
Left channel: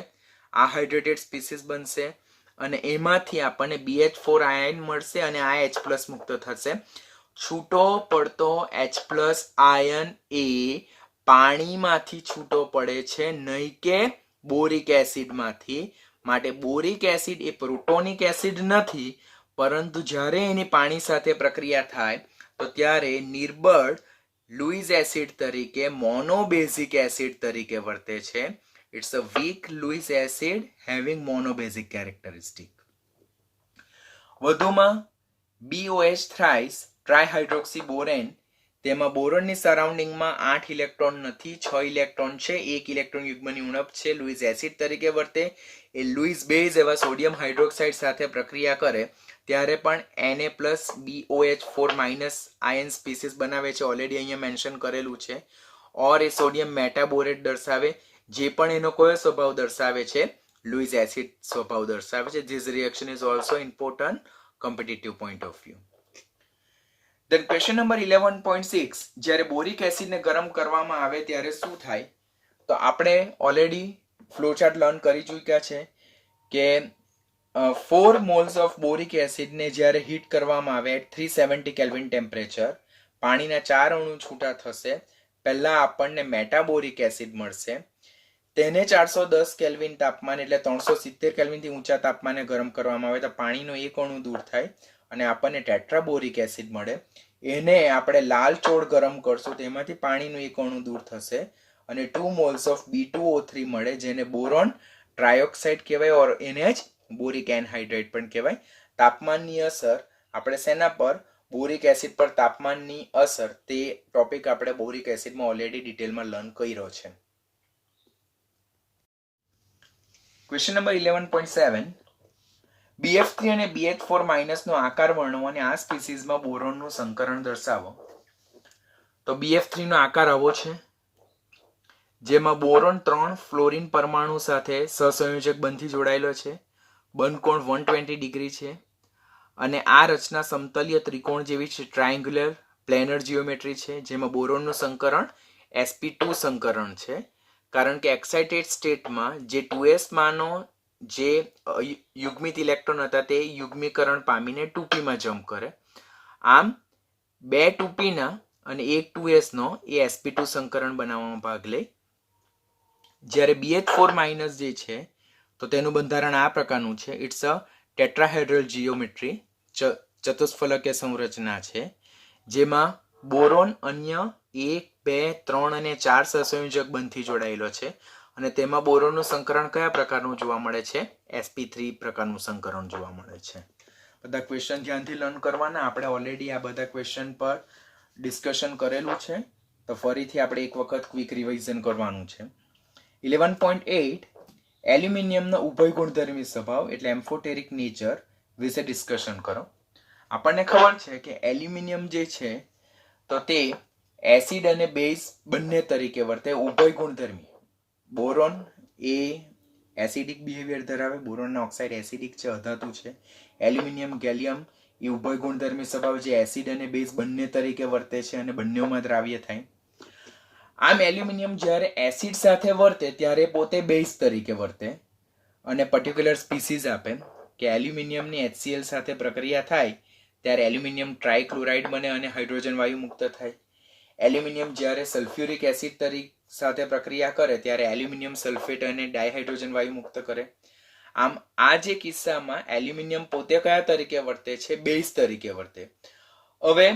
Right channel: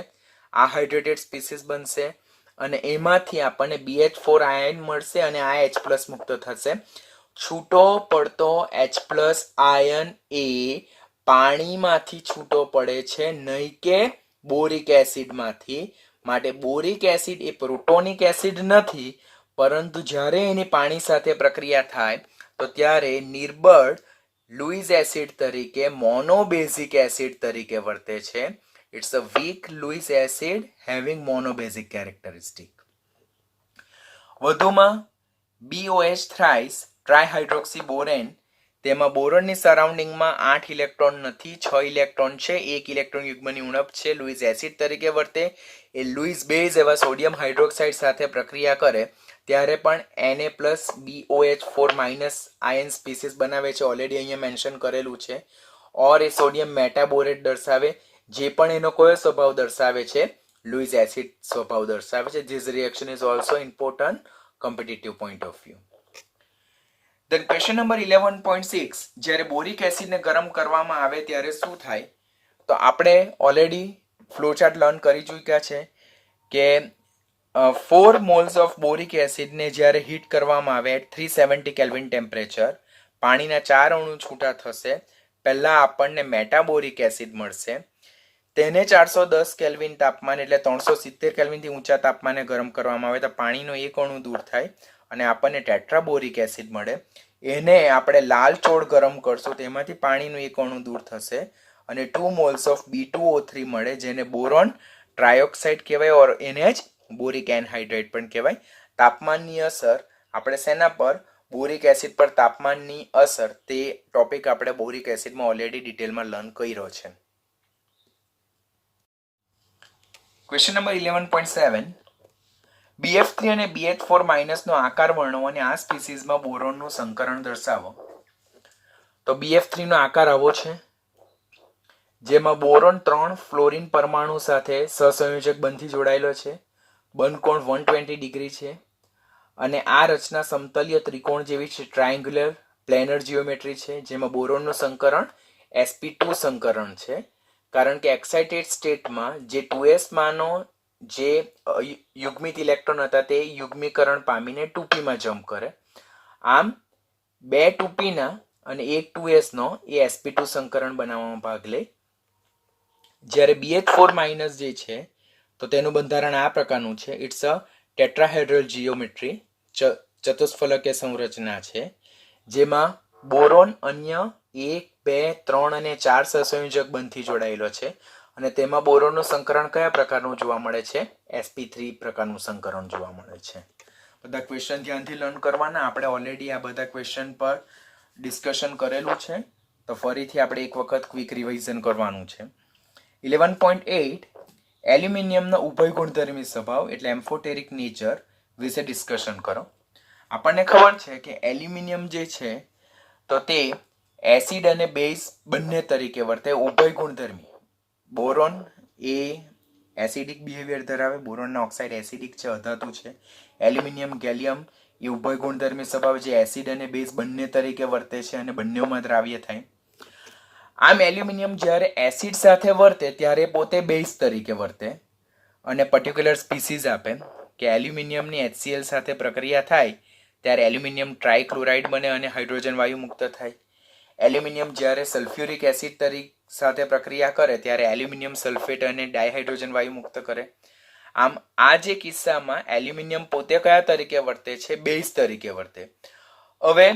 આ હાઇડ્રેટેડ સ્પીસીસ બનશે અને એમાંથી આપણને BH4 આયન મળશે અને આ H+ મુક્ત થશે. છૂટો પડતો H+ આયન એ પાણીમાંથી છૂટો પડે છે, નહીં કે બોરિક એસિડમાંથી. માટે બોરિક એસિડ એ પ્રોટોનિક એસિડ નથી, પરંતુ જ્યારે એની પાણી સાથે પ્રક્રિયા થાય તો ત્યારે નિર્બળ લુઈસ એસિડ તરીકે, મોનોબેઝિક એસિડ તરીકે વર્તે છે. It's a weak Lewis acid having monobasic characteristic. વધુમાં BOH થ્રાઇસ ટ્રાયહાઇડ્રોક્સીબોરેન, તેમાં બોરોનની સરાઉન્ડિંગમાં 8 ઇલેક્ટ્રોન નથી, 6 ઇલેક્ટ્રોન છે, 1 ઇલેક્ટ્રોન યુગ્મની ઉણપ છે, લુઈસ એસિડ તરીકે વર્તે. એ લુઈસ બેઝ એવા સોડિયમ હાઇડ્રોક્સાઇડ સાથે પ્રક્રિયા કરે ત્યારે પણ Na+BOH4- આયન સ્પીસીસ બનાવે છે, ઓલરેડી અહીંયા મેન્શન કરેલું છે. ઓર એ સોડિયમ મેટાબોરેટ દર્શાવે, જે પણ એનો કયો સ્વભાવ દર્શાવે છે? લુઈસ એસિડ સ્વભાવ દર્શાવે છે. This reaction is also important competitive point of view. Then question number 11.6, જ્યારે બોરિક એસિડને ગરમ કરવામાં આવે ત્યારે શું થાય? તો આપણે ઓલરેડી ફ્લોચાર્ટ લર્ન કરી ચૂક્યા છે કે 4 moles of boric acid ને જ્યારે હીટ કરવામાં આવે at 370 કેલ્વિન ટેમ્પરેચર, પાણીના 4 અણુ છૂટા થશે. પહેલા આપણને મેટાબોરિક એસિડ મળશે, તેને 410 કેલ્વિન તાપમાન એટલે 370 કેલ્વિનથી ઊંચા તાપમાને ગરમ કરવામાં આવે તો પાણીનો એક અણુ દૂર થાય અને આપણને ટેટ્રાબોરિક એસિડ મળે. એને આપણે લાલ ચોળ ગરમ કરશું, તેમાંથી પાણીનો એક અણુ દૂર થશે અને 2 moles of B2O3 મળે, જેને બોરોન ટ્રાયોક્સાઇડ કહેવાય, ઓર એને જ બોરિક એનહાઇડ્રેટ પણ કહેવાય. તાપમાનની અસર આપણે શેના પર? બોરિક એસિડ પર તાપમાનની અસર, તે ટોપિક આપણે બોરિક એસિડમાં ઓલરેડી ડિટેલમાં લર્ન કર્યો છે. ક્વેશ્ચન નંબર 11.7 BF3 અને BH4 માઇનસનો આકાર વર્ણવો અને આ સ્પીસીઝમાં બોરોનનું સંકરણ દર્શાવો. તો BF3 નો આકાર આવો છે, જેમાં બોરોન 3 ફ્લોરિન પરમાણુ સાથે સહસંયોજક બંધથી જોડાયેલો છે. બંધકોણ 120 ડિગ્રી છે અને આ રચના સમતલીય ત્રિકોણ જેવી છે, ટ્રાયંગ્યુલર પ્લેનર જીઓમેટ્રી છે, જેમાં બોરોનનું સંકરણ sp2 સંકરણ છે, કારણ કે એક્સાઇટેડ સ્ટેટમાં જે 2s માનો જે યુગ્મિત ઇલેક્ટ્રોન હતા તે યુગ્મીકરણ પામીને 2p માં જમ્પ કરે. આમ 2 2p ના અને 1 2s નો એ sp2 સંકરણ બનાવવામાં ભાગ લે. જ્યારે BH4 માઇનસ જે છે તો તેનું બંધારણ આ પ્રકારનું છે. ઇટ્સ અ ટેટ્રાહેડ્રલ જીઓમેટ્રી, ચતુષ્ફલકીય સંરચના છે, જેમાં બોરોન અન્ય 1 2 3 અને 4 સહસંયોજક બંધથી જોડાયેલો છે અને તેમાં બોરોનનું સંકરણ કયા પ્રકારનું જોવા મળે છે? sp3 પ્રકારનું સંકરણ જોવા મળે છે. બધા ક્વેશ્ચન ધ્યાનથી લર્ન કરવાના. આપણે ઓલરેડી આ બધા ક્વેશ્ચન પર ડિસ્કશન કરેલું છે, તો ફરીથી આપણે એક વખત ક્વિક રિવિઝન કરવાનું છે. 11.8 એલ્યુમિનિયમનો ઉભય ગુણધર્મી સ્વભાવ એટલે એમ્ફોટેરિક નેચર વિશે ડિસ્કશન કરો. આપણને ખબર છે કે એલ્યુમિનિયમ જે છે તો તે એસિડ અને બેઝ બંને તરીકે વર્તે, ઉભય ગુણધર્મી. બોરોન એ એસિડિક બિહેવિયર ધરાવે, બોરોનના ઓક્સાઇડ એસિડિક છે, અધાતુ છે. એલ્યુમિનિયમ ગેલિયમ એ ઉભય ગુણધર્મી સ્વભાવ જે એસિડ અને બેઝ બંને તરીકે વર્તે છે અને બંનેમાં દ્રાવ્ય થાય. આમ એલ્યુમિનિયમ જ્યારે એસિડ સાથે વર્તે ત્યારે પોતે બેઝ તરીકે વર્તે અને પર્ટિક્યુલર સ્પીસીઝ આપે કે એલ્યુમિનિયમની HCl સાથે પ્રક્રિયા થાય ત્યારે એલ્યુમિનિયમ ટ્રાઇક્લોરાઇડ બને અને હાઇડ્રોજન વાયુ મુક્ત થાય. એલ્યુમિનિયમ જ્યારે સલ્ફ્યુરિક એસિડ સાથે પ્રક્રિયા કરે ત્યારે એલ્યુમિનિયમ સલ્ફેટ અને ડાયહાઇડ્રોજન વાયુ મુક્ત કરે. આમ આ જે કિસ્સામાં એલ્યુમિનિયમ પોતે કયા તરીકે વર્તે છે? બેઝ તરીકે વર્તે. હવે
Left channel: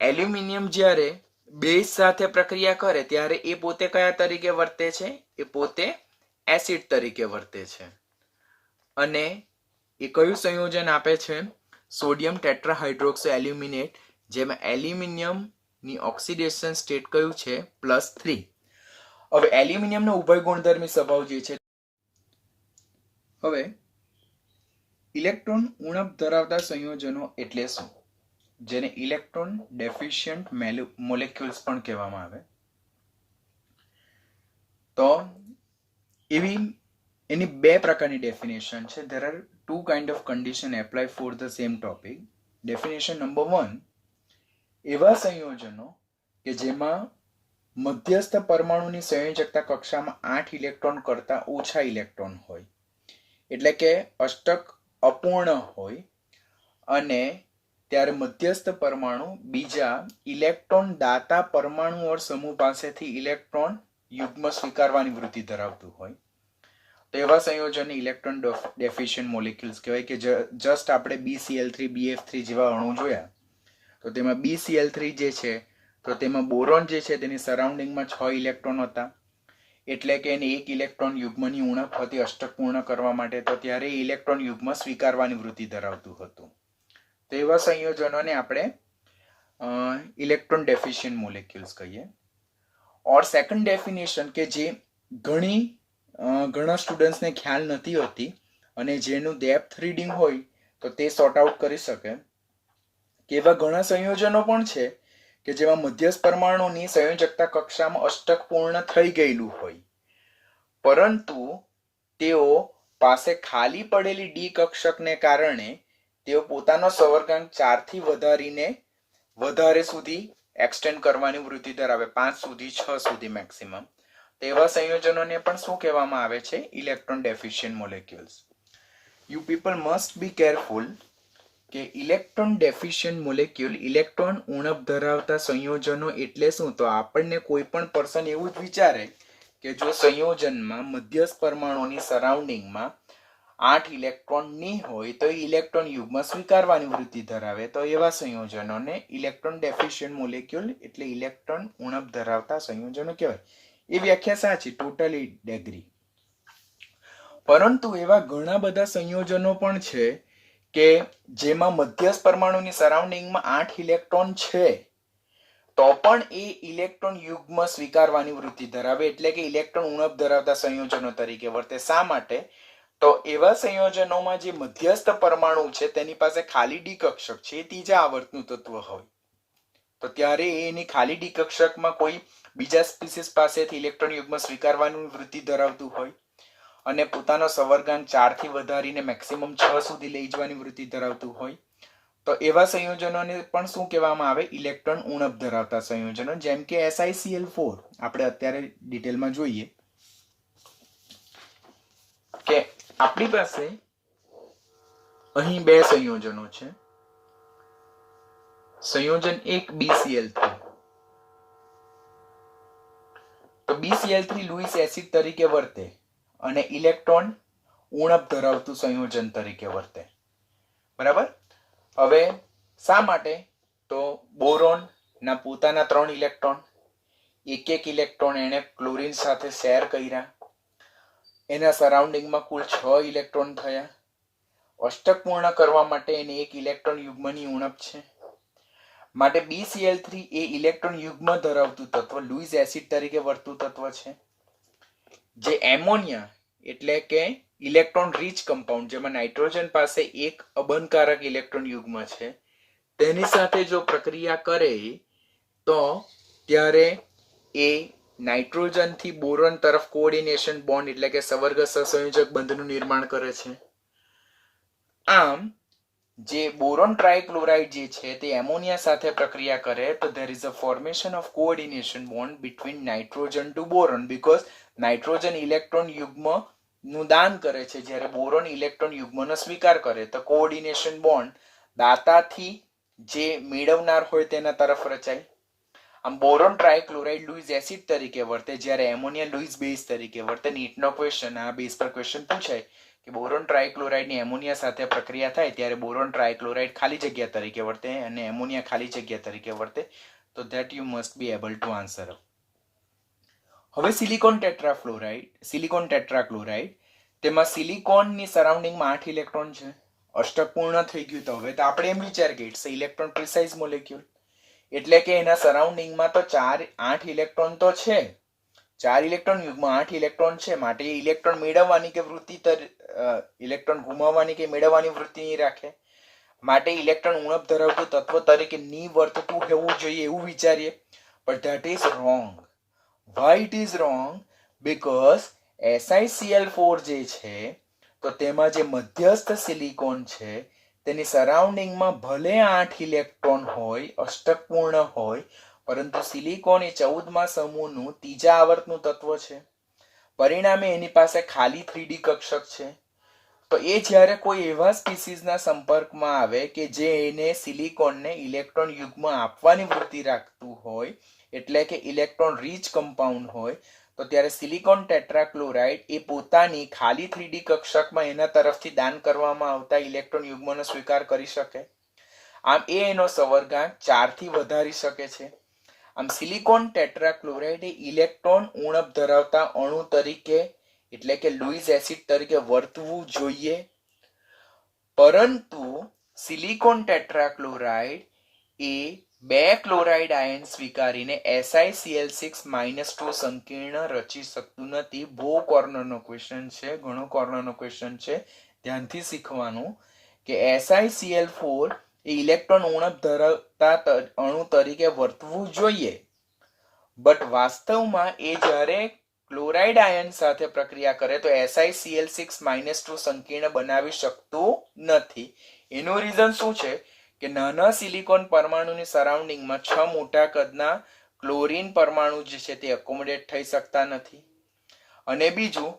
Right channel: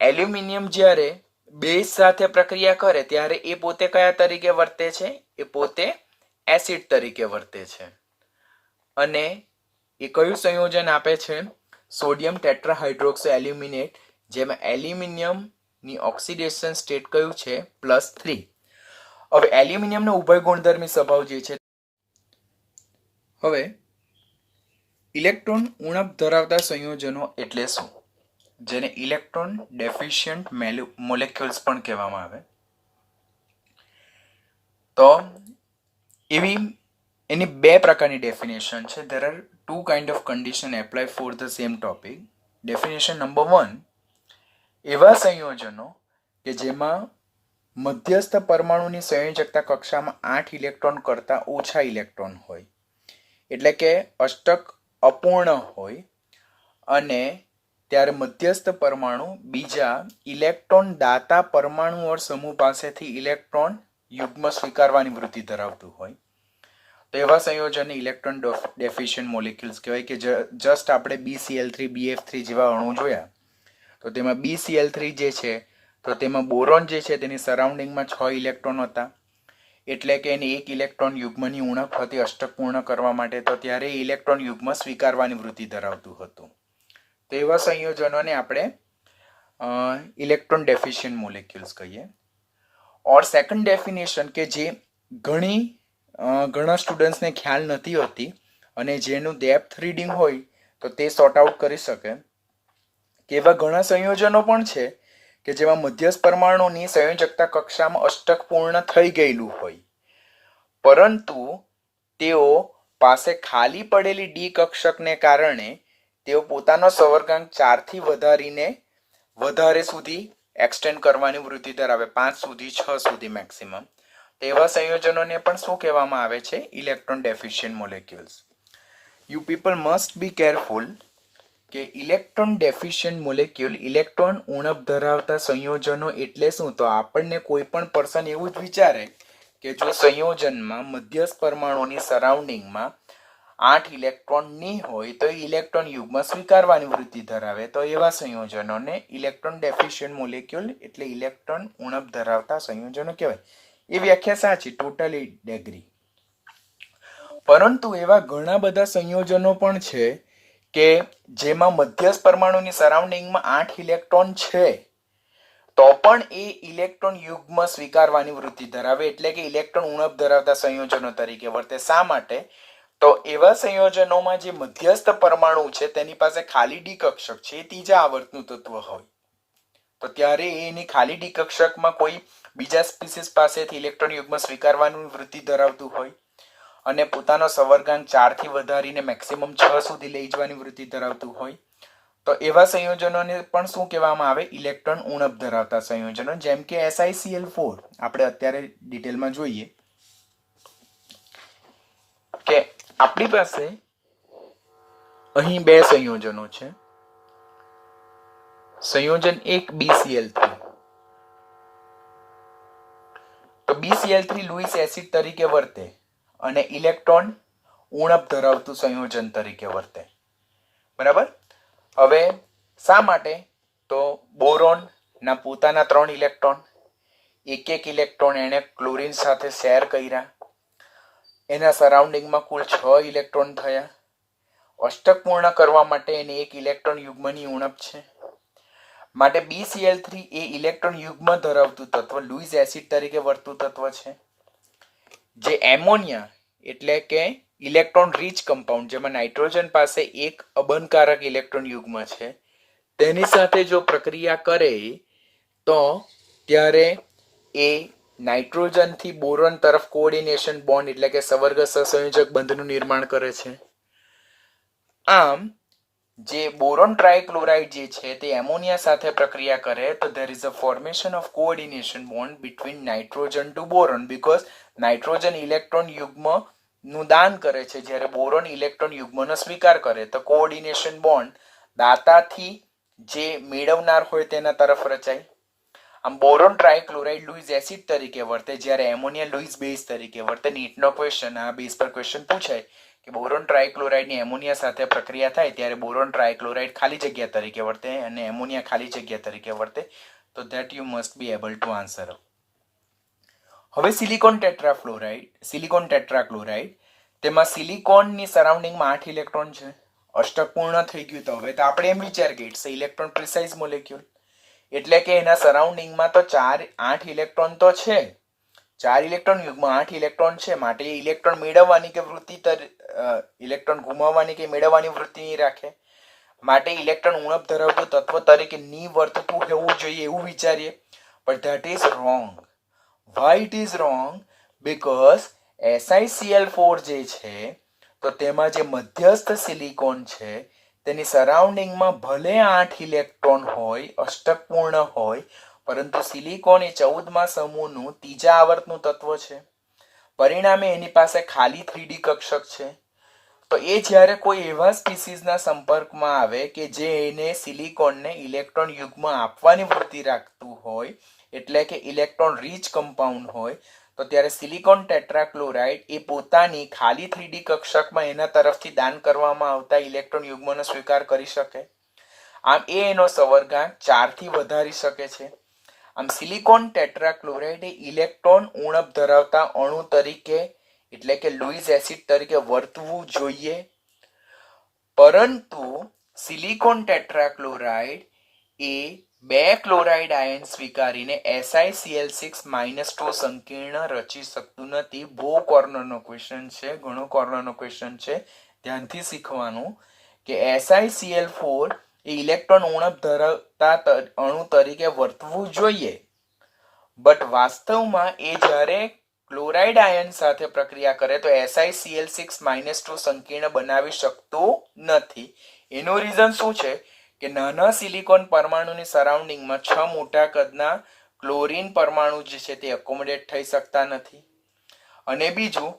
એલ્યુમિનિયમ જ્યારે બેઝ સાથે પ્રક્રિયા કરે ત્યારે એ પોતે કયા તરીકે વર્તે છે? એ પોતે એસિડ તરીકે વર્તે છે અને એ કયું સંયોજન આપે છે? સોડિયમ ટેટ્રાહાઇડ્રોક્સો એલ્યુમિનેટ, જેમાં એલ્યુમિનિયમની ઓક્સિડેશન સ્ટેટ કયું છે? +3. હવે એલ્યુમિનિયમનો ઉભય ગુણધર્મી સ્વભાવ જે છે, હવે ઇલેક્ટ્રોન ઉણપ ધરાવતા સંયોજનો એટલે શું? જેને ઇલેક્ટ્રોન ડેફિશિયન્ટ મોલેક્યુલ્સ પણ કહેવામાં આવે. તો એની બે પ્રકારની ડેફિનેશન છે. there are two kind of condition apply for the same topic. Definition number 1, એવા સંયોજનો કે જેમાં મધ્યસ્થ પરમાણુની સંયોજકતા કક્ષામાં 8 ઇલેક્ટ્રોન કરતા ઓછા ઇલેક્ટ્રોન હોય, એટલે કે અષ્ટક અપૂર્ણ હોય, અને ત્યારે મધ્યસ્થ પરમાણુ બીજા ઇલેક્ટ્રોન દાતા પરમાણુ ઓર સમૂહ પાસેથી ઇલેક્ટ્રોન યુગ્મ સ્વીકારવાની વૃત્તિ ધરાવતું હોય, તો એવા સંયોજનને ઇલેક્ટ્રોન ડેફિશિયન્ટ મોલેક્યુલ્સ કહેવાય. કે જસ્ટ આપણે BCl3 BF3 જેવા અણુ જોયા, તો તેમાં BCl3 જે છે તો તેમાં બોરોન જે છે તેની સરાઉન્ડિંગમાં 6 ઇલેક્ટ્રોન હતા, એટલે કે એને 1 ઇલેક્ટ્રોન યુગ્મની ઉણપ હતી અષ્ટક પૂર્ણ કરવા માટે, તો ત્યારે ઇલેક્ટ્રોન યુગ્મ સ્વીકારવાની વૃત્તિ ધરાવતું હતું. તો એવા સંયોજનોને આપણે ઇલેક્ટ્રોન ડેફિશિયન્ટ મોલેક્યુલ્સ કહીએ. ઓર સેકન્ડ ડેફિનેશન કે જે ઘણા સ્ટુડન્ટ્સને ખ્યાલ નથી હોતી અને જેનું ડેપ્થ રીડિંગ હોય તો તે સોર્ટ આઉટ કરી શકે કે એવા ઘણા સંયોજનો પણ છે કે જેમાં મધ્યસ્થ પરમાણુની સંયોજકતા કક્ષામાં અષ્ટક પૂર્ણ થઈ ગયેલું હોય, પરંતુ તેઓ પાસે ખાલી પડેલી ડી કક્ષકને કારણે તેઓ પોતાનો સવર્ગાંક 4 થી વધારે સુધી એક્સટેન્ડ કરવાની વૃત્તિ ધરાવે, 5 સુધી 6 સુધી મેક્સિમમ. એવા સંયોજનોને પણ શું કહેવામાં આવે છે? Electron deficient molecules. You people must be careful કે ઇલેક્ટ્રોન ડેફિશિયન્ટ મોલેક્યુલ, ઇલેક્ટ્રોન ઉણપ ધરાવતા સંયોજનો એટલે શું? તો આપણને કોઈ પણ પર્સન એવું જ વિચારે કે જો સંયોજનમાં મધ્યસ્થ પરમાણુની સરાઉન્ડિંગમાં 8 ઇલેક્ટ્રોન ની હોય તો ઇલેક્ટ્રોન યુગ્મ સ્વીકારવાની વૃત્તિ ધરાવે, તો એવા સંયોજનોને ઇલેક્ટ્રોન ડેફિશિયન્ટ મોલેક્યુલ એટલે ઇલેક્ટ્રોન ઉણપ ધરાવતા સંયોજનો કહેવાય. એ વ્યાખ્યા સાચી, ટોટલી એગ્રી. પરંતુ એવા ઘણા બધા સંયોજનો પણ છે કે જેમાં મધ્યસ્થ પરમાણુની સરાઉન્ડિંગમાં 8 ઇલેક્ટ્રોન છે તો પણ એ ઇલેક્ટ્રોન યુગ્મ સ્વીકારવાની વૃત્તિ ધરાવે, એટલે કે ઇલેક્ટ્રોન ઉણપ ધરાવતા સંયોજનો તરીકે વર્તે. શા માટે? તો એવા સંયોજનોમાં જે મધ્યસ્થ પરમાણુ છે તેની પાસે ખાલી ડી કક્ષક છે, એ ત્રીજા આવર્તનું તત્વ હોય, તો ત્યારે એની ખાલી ડી કક્ષકમાં કોઈ બીજા સ્પીસીસ પાસેથી ઇલેક્ટ્રોન યુગ્મ સ્વીકારવાની વૃત્તિ ધરાવતું હોય અને પોતાનો સવર્ગાંક 4 થી વધારીને મેક્સિમમ 6 સુધી લઈ જવાની વૃત્તિ ધરાવતું હોય, તો એવા સંયોજનોને પણ શું કહેવામાં આવે? ઇલેક્ટ્રોન ઉણપ ધરાવતા સંયોજનો, જેમ કે SiCl4. આપણે અત્યારે ડિટેલમાં જોઈએ કે આપણી પાસે અહીં બે સંયોજનો છે. સંયોજન 1 BCl3. તો BCl3 લુઈસ એસિડ તરીકે વર્તે અને ઇલેક્ટ્રોન ઉણપ ધરાવતું સંયોજન તરીકે વર્તે. બરાબર? હવે શા માટે? તો બોરોન ના પોતાના 3 ઇલેક્ટ્રોન, એક ઇલેક્ટ્રોન એને ક્લોરીન સાથે શેર કર્યા, એના સરાઉન્ડિંગમાં કુલ 6 ઇલેક્ટ્રોન થયા. અષ્ટક પૂર્ણ કરવા માટે એને એક ઇલેક્ટ્રોન યુગ્મની ઉણપ છે. માટે BCl3 એ ઇલેક્ટ્રોન યુગ્મ ધરાવતું તત્વ, લુઈસ એસિડ તરીકે વર્તતું તત્વ છે. જે એમોનિયા એટલે કે ઇલેક્ટ્રોન રીચ કમ્પાઉન્ડ, જેમાં નાઇટ્રોજન પાસે એક અબંધકારક ઇલેક્ટ્રોન યુગ્મ છે, તેની સાથે જો પ્રક્રિયા કરે તો ત્યારે એ નાઇટ્રોજન થી બોરોન તરફ કોઓર્ડિનેશન બોન્ડ એટલે કે સવર્ગ સહસંયોજક બંધનું નિર્માણ કરે છે. આમ જે બોરોન ટ્રાયક્લોરાઇડ જે છે તે એમોનિયા સાથે પ્રક્રિયા કરે તો there is a formation of coordination bond between nitrogen to boron, because nitrogen electron યુગ્મ નું દાન કરે છે, જ્યારે બોરોન ઇલેક્ટ્રોન યુગ્મનો સ્વીકાર કરે, તો કોઓર્ડિનેશન બોન્ડ દાતાથી જે મેળવનાર હોય તેના તરફ રચાય. આમ બોરોન ટ્રાયક્લોરાઇડ લુઈસ એસિડ તરીકે વર્તે, જ્યારે એમોનિયા લુઈસ બેઝ તરીકે વર્તે. નીટનો ક્વેશ્ચન આ બેઝ પર ક્વેશ્ચન પૂછાય કે બોરોન ટ્રાયક્લોરાઇડની એમોનિયા સાથે પ્રક્રિયા થાય ત્યારે બોરોન ટ્રાયક્લોરાઇડ ખાલી જગ્યા તરીકે વર્તે અને એમોનિયા ખાલી જગ્યા તરીકે વર્તે. તો that you must be able to answer. હવે સિલિકોન ટેટ્રાક્લોરાઇડ, તેમાં સિલિકોનની સરાઉન્ડિંગમાં 8 ઇલેક્ટ્રોન છે. અષ્ટક પૂર્ણ થઈ ગયું. તો હવે તો આપણે એમ વિચાર કે ઇટ્સ ઇલેક્ટ્રોન પ્રિસાઇઝ મોલેક્યુલ, એટલે કે એના સરાઉન્ડિંગમાં તો 8 ઇલેક્ટ્રોન તો છે, 4 ઇલેક્ટ્રોન યુગ્મ 8 ઇલેક્ટ્રોન છે. માટે એ ઇલેક્ટ્રોન મેળવવાની કે ઇલેક્ટ્રોન ગુમાવવાની કે મેળવવાની વૃત્તિ નહીં રાખે. માટે ઇલેક્ટ્રોન ઉણપ ધરાવતું તત્વ તરીકે ની વર્તતું હોવું જોઈએ એવું વિચારીએ, પણ that is wrong. Y it is wrong? Because SiCl4 જે છે તો તેમાં જે મધ્યસ્થ સિલિકોન છે તેની સરાઉન્ડિંગમાં ભલે 8 ઇલેક્ટ્રોન હોય, અષ્ટક પૂર્ણ હોય, પરંતુ સિલિકોન એ 14મા સમૂહનું ત્રીજા આવર્તનું તત્વ છે. પરિણામે એની પાસે ખાલી 3D કક્ષક છે. તો એ જ્યારે કોઈ એવા સ્પીસીસના સંપર્કમાં આવે કે જે એને સિલિકોનને ઇલેક્ટ્રોન યુગ્મ આપવાની વૃત્તિ રાખતું હોય, એટલે કે ઇલેક્ટ્રોન રીચ કમ્પાઉન્ડ હોય, તો ત્યારે સિલિકોન ટેટ્રાક્લોરાઇડ એ પોતાની ખાલી 3D કક્ષકમાં એના તરફથી દાન કરવામાં આવતા ઇલેક્ટ્રોન યુગ્મનો સ્વીકાર કરી શકે. આમ એ એનો સવર્ગાંક 4 થી વધારી શકે છે. આમ સિલિકોન ટેટ્રાક્લોરાઇડ એ ઇલેક્ટ્રોન ઉણપ ધરાવતા અણુ તરીકે એટલે કે લુઈસ એસિડ તરીકે વર્તવું જોઈએ, પરંતુ સિલિકોન ટેટ્રાક્લોરાઇડ એ 2 ક્લોરાઇડ આયન સ્વીકારીને SiCl6-2 સંકીર્ણ રચી શકતું નથી. બહુ કોર્નરનો ક્વેશ્ચન છે, ઘણો કોર્નરનો ક્વેશ્ચન છે, ધ્યાનથી શીખવાનું કે SiCl4 એ ઇલેક્ટ્રોન ઉણપ ધરાવતા અણુ તરીકે વર્તવું જોઈએ, બટ વાસ્તવમાં એ જ્યારે ક્લોરાઇડ આયન સાથે પ્રક્રિયા કરે તો SiCl6-2 સંકીર્ણ બનાવી શકતું નથી. એનું રીઝન શું છે કે નાના સિલિકોન પરમાણુની સરાઉન્ડિંગમાં 6 મોટા કદના ક્લોરીન પરમાણુ જે છે તે એકોમોડેટ થઈ શકતા નથી. અને બીજું,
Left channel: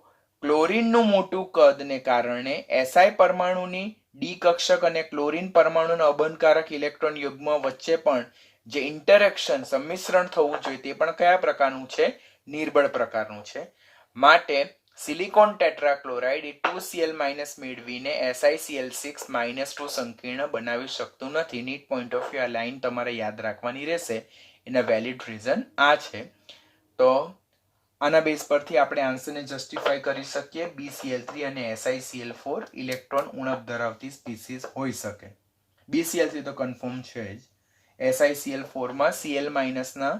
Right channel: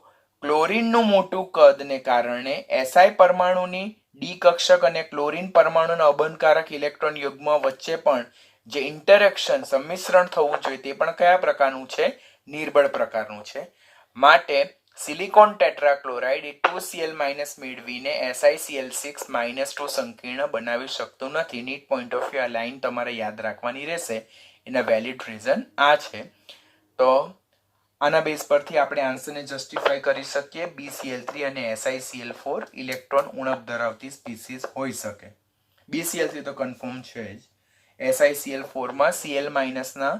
ક્લોરીનનું મોટું કદને કારણે Si પરમાણુની ડી કક્ષક અને ક્લોરીન પરમાણુના અબંધકારક ઇલેક્ટ્રોન યુગ્મ વચ્ચે પણ જે ઇન્ટરેક્શન સંમિશ્રણ થવું જોઈએ તે પણ કયા પ્રકારનું છે? નિર્બળ પ્રકારનું છે. માટે સિલિકોન ટેટ્રાક્લોરાઇડ એ 2Cl- મેળવીને SiCl6-2 સંકીર્ણ બનાવી શકતું નથી. નીટ પોઈન્ટ ઓફ વ્યૂ આ લાઈન તમારે યાદ રાખવાની રહેશે. એના વેલિડ રીઝન આ છે. તો આના બેઝ પરથી આપણે આન્સરને જસ્ટિફાઈ કરી શકીએ. BCl3 અને SiCl4 ઇલેક્ટ્રોન ઉણપ ધરાવતી સ્પીસીસ હોઈ શકે. BCl3 તો કન્ફર્મ છે જ. SiCl4 માં Cl- ના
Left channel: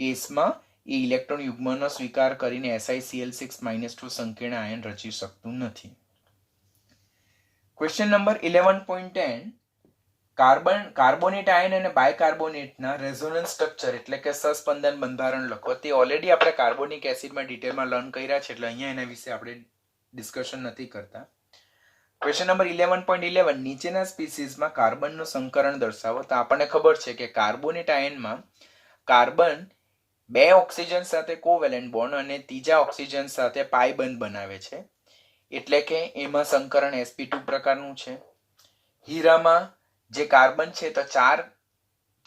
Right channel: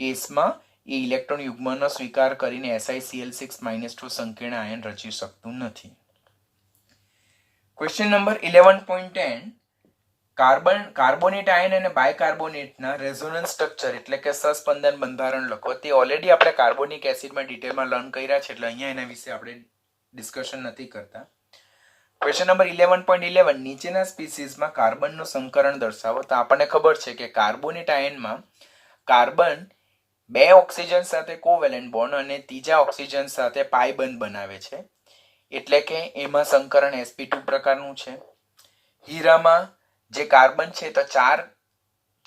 કેસમાં એ ઇલેક્ટ્રોન યુગ્મનો સ્વીકાર કરીને SiCl6-2 સંકીર્ણ આયન રચી શકતું નથી. ક્વેશ્ચન નંબર 11.10 કાર્બોનેટ આયન અને બાયકાર્બોનેટના રેઝોનન્સ સ્ટ્રક્ચર એટલે કે સહસ્પંદન બંધારણ લખો. તે ઓલરેડી આપણે કાર્બોનિક એસિડમાં ડિટેલમાં લર્ન કર્યા છે એટલે અહીંયા એના વિશે આપણે ડિસ્કશન નથી કરતા. ક્વેશ્ચન નંબર 11.11 નીચેના સ્પીસીસમાં કાર્બનનું સંકરણ દર્શાવો. તો આપણને ખબર છે કે કાર્બોનેટ આયનમાં કાર્બન 2 ઓક્સિજન સાથે કોવેલેન્ટ બોન્ડ અને ત્રીજા ઓક્સિજન સાથે પાઈ બંધ બનાવે છે એટલે કે એમાં સંકરણ sp2 પ્રકારનું છે. હીરામાં જે કાર્બન છે તો 4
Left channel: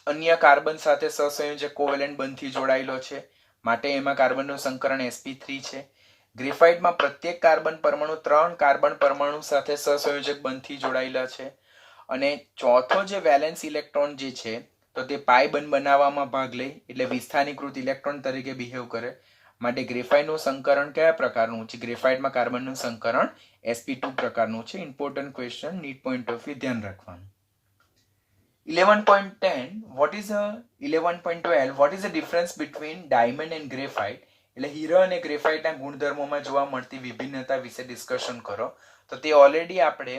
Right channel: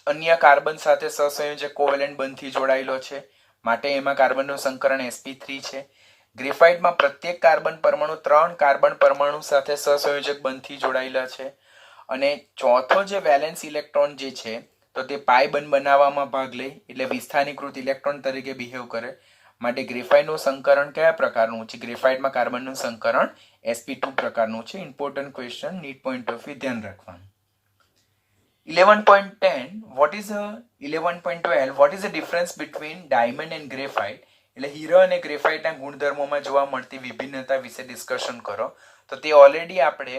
અન્ય કાર્બન સાથે સહસંયોજક કોવેલેન્ટ બંધથી જોડાયેલો છે માટે એમાં કાર્બનનું સંકરણ sp3 છે. ગ્રેફાઇટમાં પ્રત્યેક કાર્બન પરમાણુ 3 કાર્બન પરમાણુ સાથે સહસંયોજક બંધથી જોડાયેલા છે અને ચોથો જે વેલેન્સ ઇલેક્ટ્રોન જે છે તો તે પાઈ બંધ બનાવવામાં ભાગ લે એટલે વિસ્થાનીકૃત ઇલેક્ટ્રોન તરીકે બિહેવ કરે માટે ગ્રેફાઇટનું સંકરણ કયા પ્રકારનું છે? ગ્રેફાઇટમાં કાર્બનનું સંકરણ sp2 પ્રકારનું છે. Important question, NEET point of view ધ્યાન રાખવાનું. 11.10 what is a 11.12 what is the difference between diamond and graphite? એટલે હીરો અને ગ્રેફાઇટના ગુણધર્મોમાં જોવા મળતી વિભિન્નતા વિશે ડિસ્કશન કરો. તો તે ઓલરેડી આપણે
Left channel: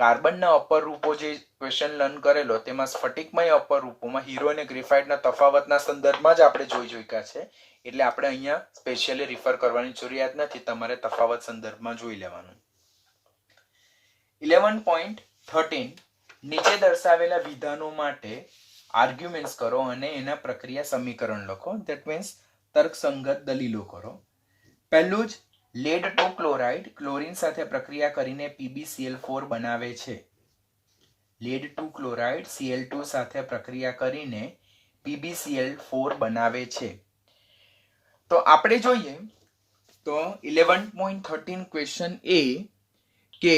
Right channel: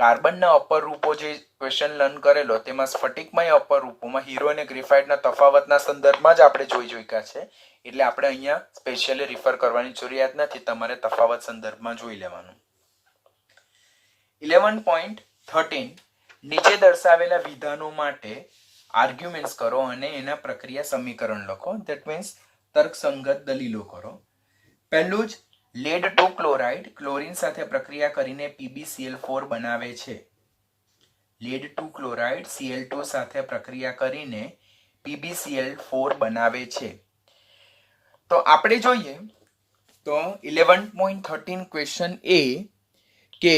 કાર્બનના અપર રૂપો જે ક્વેશ્ચન લર્ન કરેલો તેમાં સ્ફટિકમય અપર રૂપોમાં હીરો અને ગ્રેફાઇટના તફાવતના સંદર્ભમાં જ આપણે જોઈ ચૂક્યા છે એટલે આપણે અહીંયા સ્પેશિયલી રિફર કરવાની જરૂરિયાત નથી, તમારે તફાવત સંદર્ભમાં જોઈ લેવાનું. 11.13 નીચે દર્શાવેલા વિધાનો માટે આર્ગ્યુમેન્ટ્સ કરો અને એના પ્રક્રિયા સમીકરણ લખો. ધેટ મીન્સ તર્કસંગત દલીલો કરો. પહેલું જ લેડ 2 ક્લોરાઇડ ક્લોરીન સાથે પ્રક્રિયા કરીને PbCl4 બનાવે છે. લેડ 2 ક્લોરાઇડ Cl2 સાથે પ્રક્રિયા કરીને PbCl4 બનાવે છે. તો આપણે જોઈએ તો 11.13 ક્વેશ્ચન એ કે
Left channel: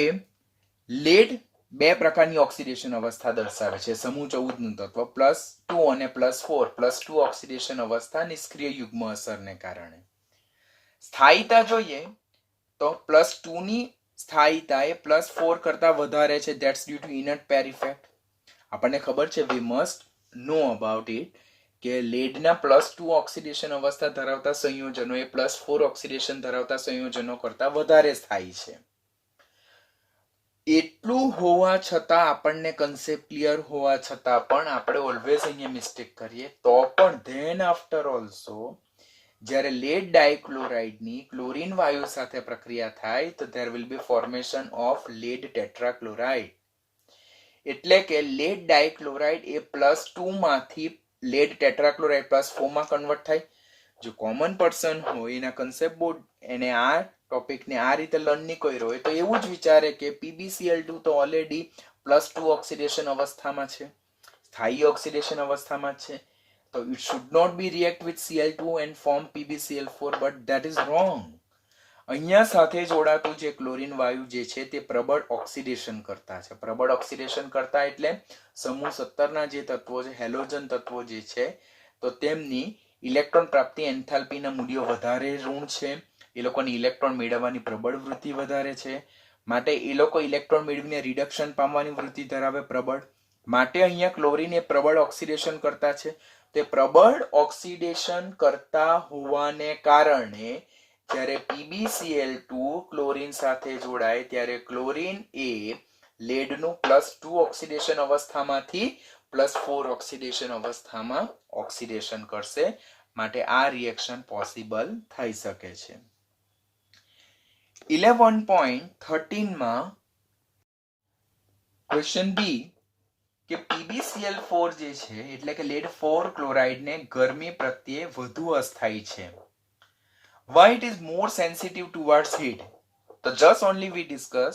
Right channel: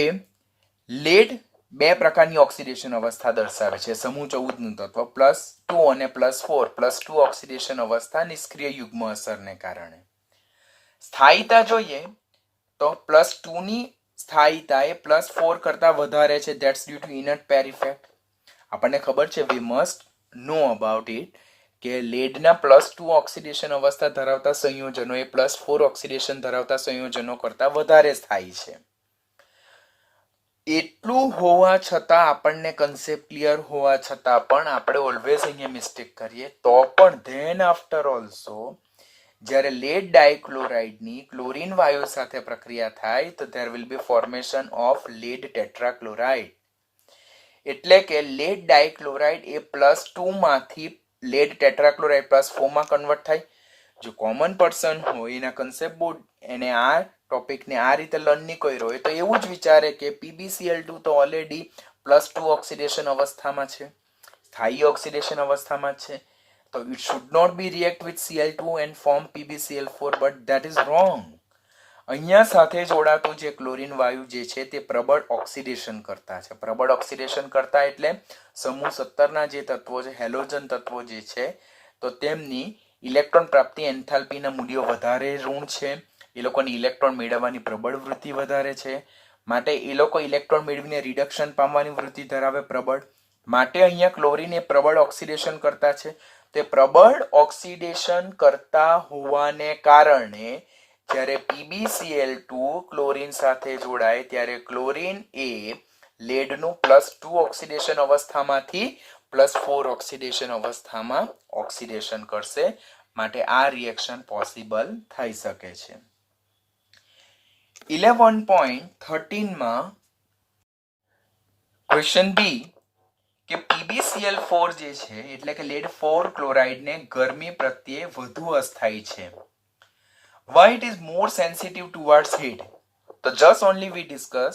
લેડ 2 પ્રકારની ઓક્સિડેશન અવસ્થા દર્શાવે છે. સમૂહ 14 નું તત્વ +2 અને +4 +2 ઓક્સિડેશન અવસ્થા નિષ્ક્રિય યુગ્મ અસરને કારણે. સ્થાયીતા જોઈએ તો +2 ની સ્થાયીતા એ +4 કરતા વધારે છે. That's due to inert pair effect. આપણને ખબર છે we must know about it કે લેડના +2 ઓક્સિડેશન અવસ્થા ધરાવતા સંયોજનો એ +4 ઓક્સિડેશન ધરાવતા સંયોજનો કરતા વધારે સ્થાયી છે. એટલું હોવા છતાં આપણને કન્સેપ્ટ ક્લિયર હોવા છતાં પણ આપણે ઓલવેઝ અહીંયા મિસ્ટેક કરીએ તો પણ ધેન આફ્ટર ઓલ્સો જ્યારે લેડ ડાયક્લોરાઇડની ક્લોરીન વાયુ સાથે પ્રક્રિયા થાય તો there will be formation of lead tetrachloride. એટલે કે લેડ ડાયક્લોરાઇડ એ +2 માંથી લેડ ટેટ્રાક્લોરાઇડ +4 માં કન્વર્ટ થાય. જો કોમન પર્સન હોય એના કન્સેપ્ટ બોર્ડ એને આ ટોપિકને આ રીતે લર્ન નહીં કર્યો હોય તો એવું જ વિચારે કે PbCl2 તો ઓલરેડી +2 ઓક્સિડેશન અવસ્થામાં છે, સ્થાયી ઓક્સિડેશન અવસ્થામાં છે, તો it should not be react with Cl2 and form PbCl4, but that is wrong. અહીંયા સાથે જોડાતું જે ક્લોરીન વાયુ જે છે તે પ્રબળ ઓક્સિડેશન કરતા છે. પ્રબળ ઓક્સિડેશન કરતા એટલે સમૂહ 17 ના જે તત્વો છે હેલોજન તત્વો જે છે તો તેમની ઇલેક્ટ્રોન પ્રાપ્તિ એન્થાલ્પીના મૂલ્યો વધારે ઋણ છે. એ લોકોની ઇલેક્ટ્રોન મેળવવાની પ્રબળ વૃત્તિ વધારે છે માટે એ લોકો ઇલેક્ટ્રોન મેળવીને રિડક્શન પામવાની વૃત્તિ ધરાવે પ્રબળ. માટે અહીંયા ક્લોરીન એ પ્રબળ ઓક્સિડેશન કરતા છે. તે પ્રબળ ઓક્સિડેશન કરતા હોવાને કારણે જ્યારે PbCl2 ક્લોરીન સાથે જોડાય ત્યારે ક્લોરીન એ લેડનું +2 ઓક્સિડેશન અવસ્થામાંથી +4 ઓક્સિડેશન અવસ્થામાં ઓક્સિડેશન કરશે માટે આ રિએક્શન પોસિબલ થઈ શકે છે. 11.13 માં ક્વેશ્ચન બી કે PbCl4 જે છે એટલે કે લેડ 4 ક્લોરાઇડને ગરમી પ્રત્યે વધુ અસ્થાયી છે. Why it is more sensitive towards heat? તો just only we discuss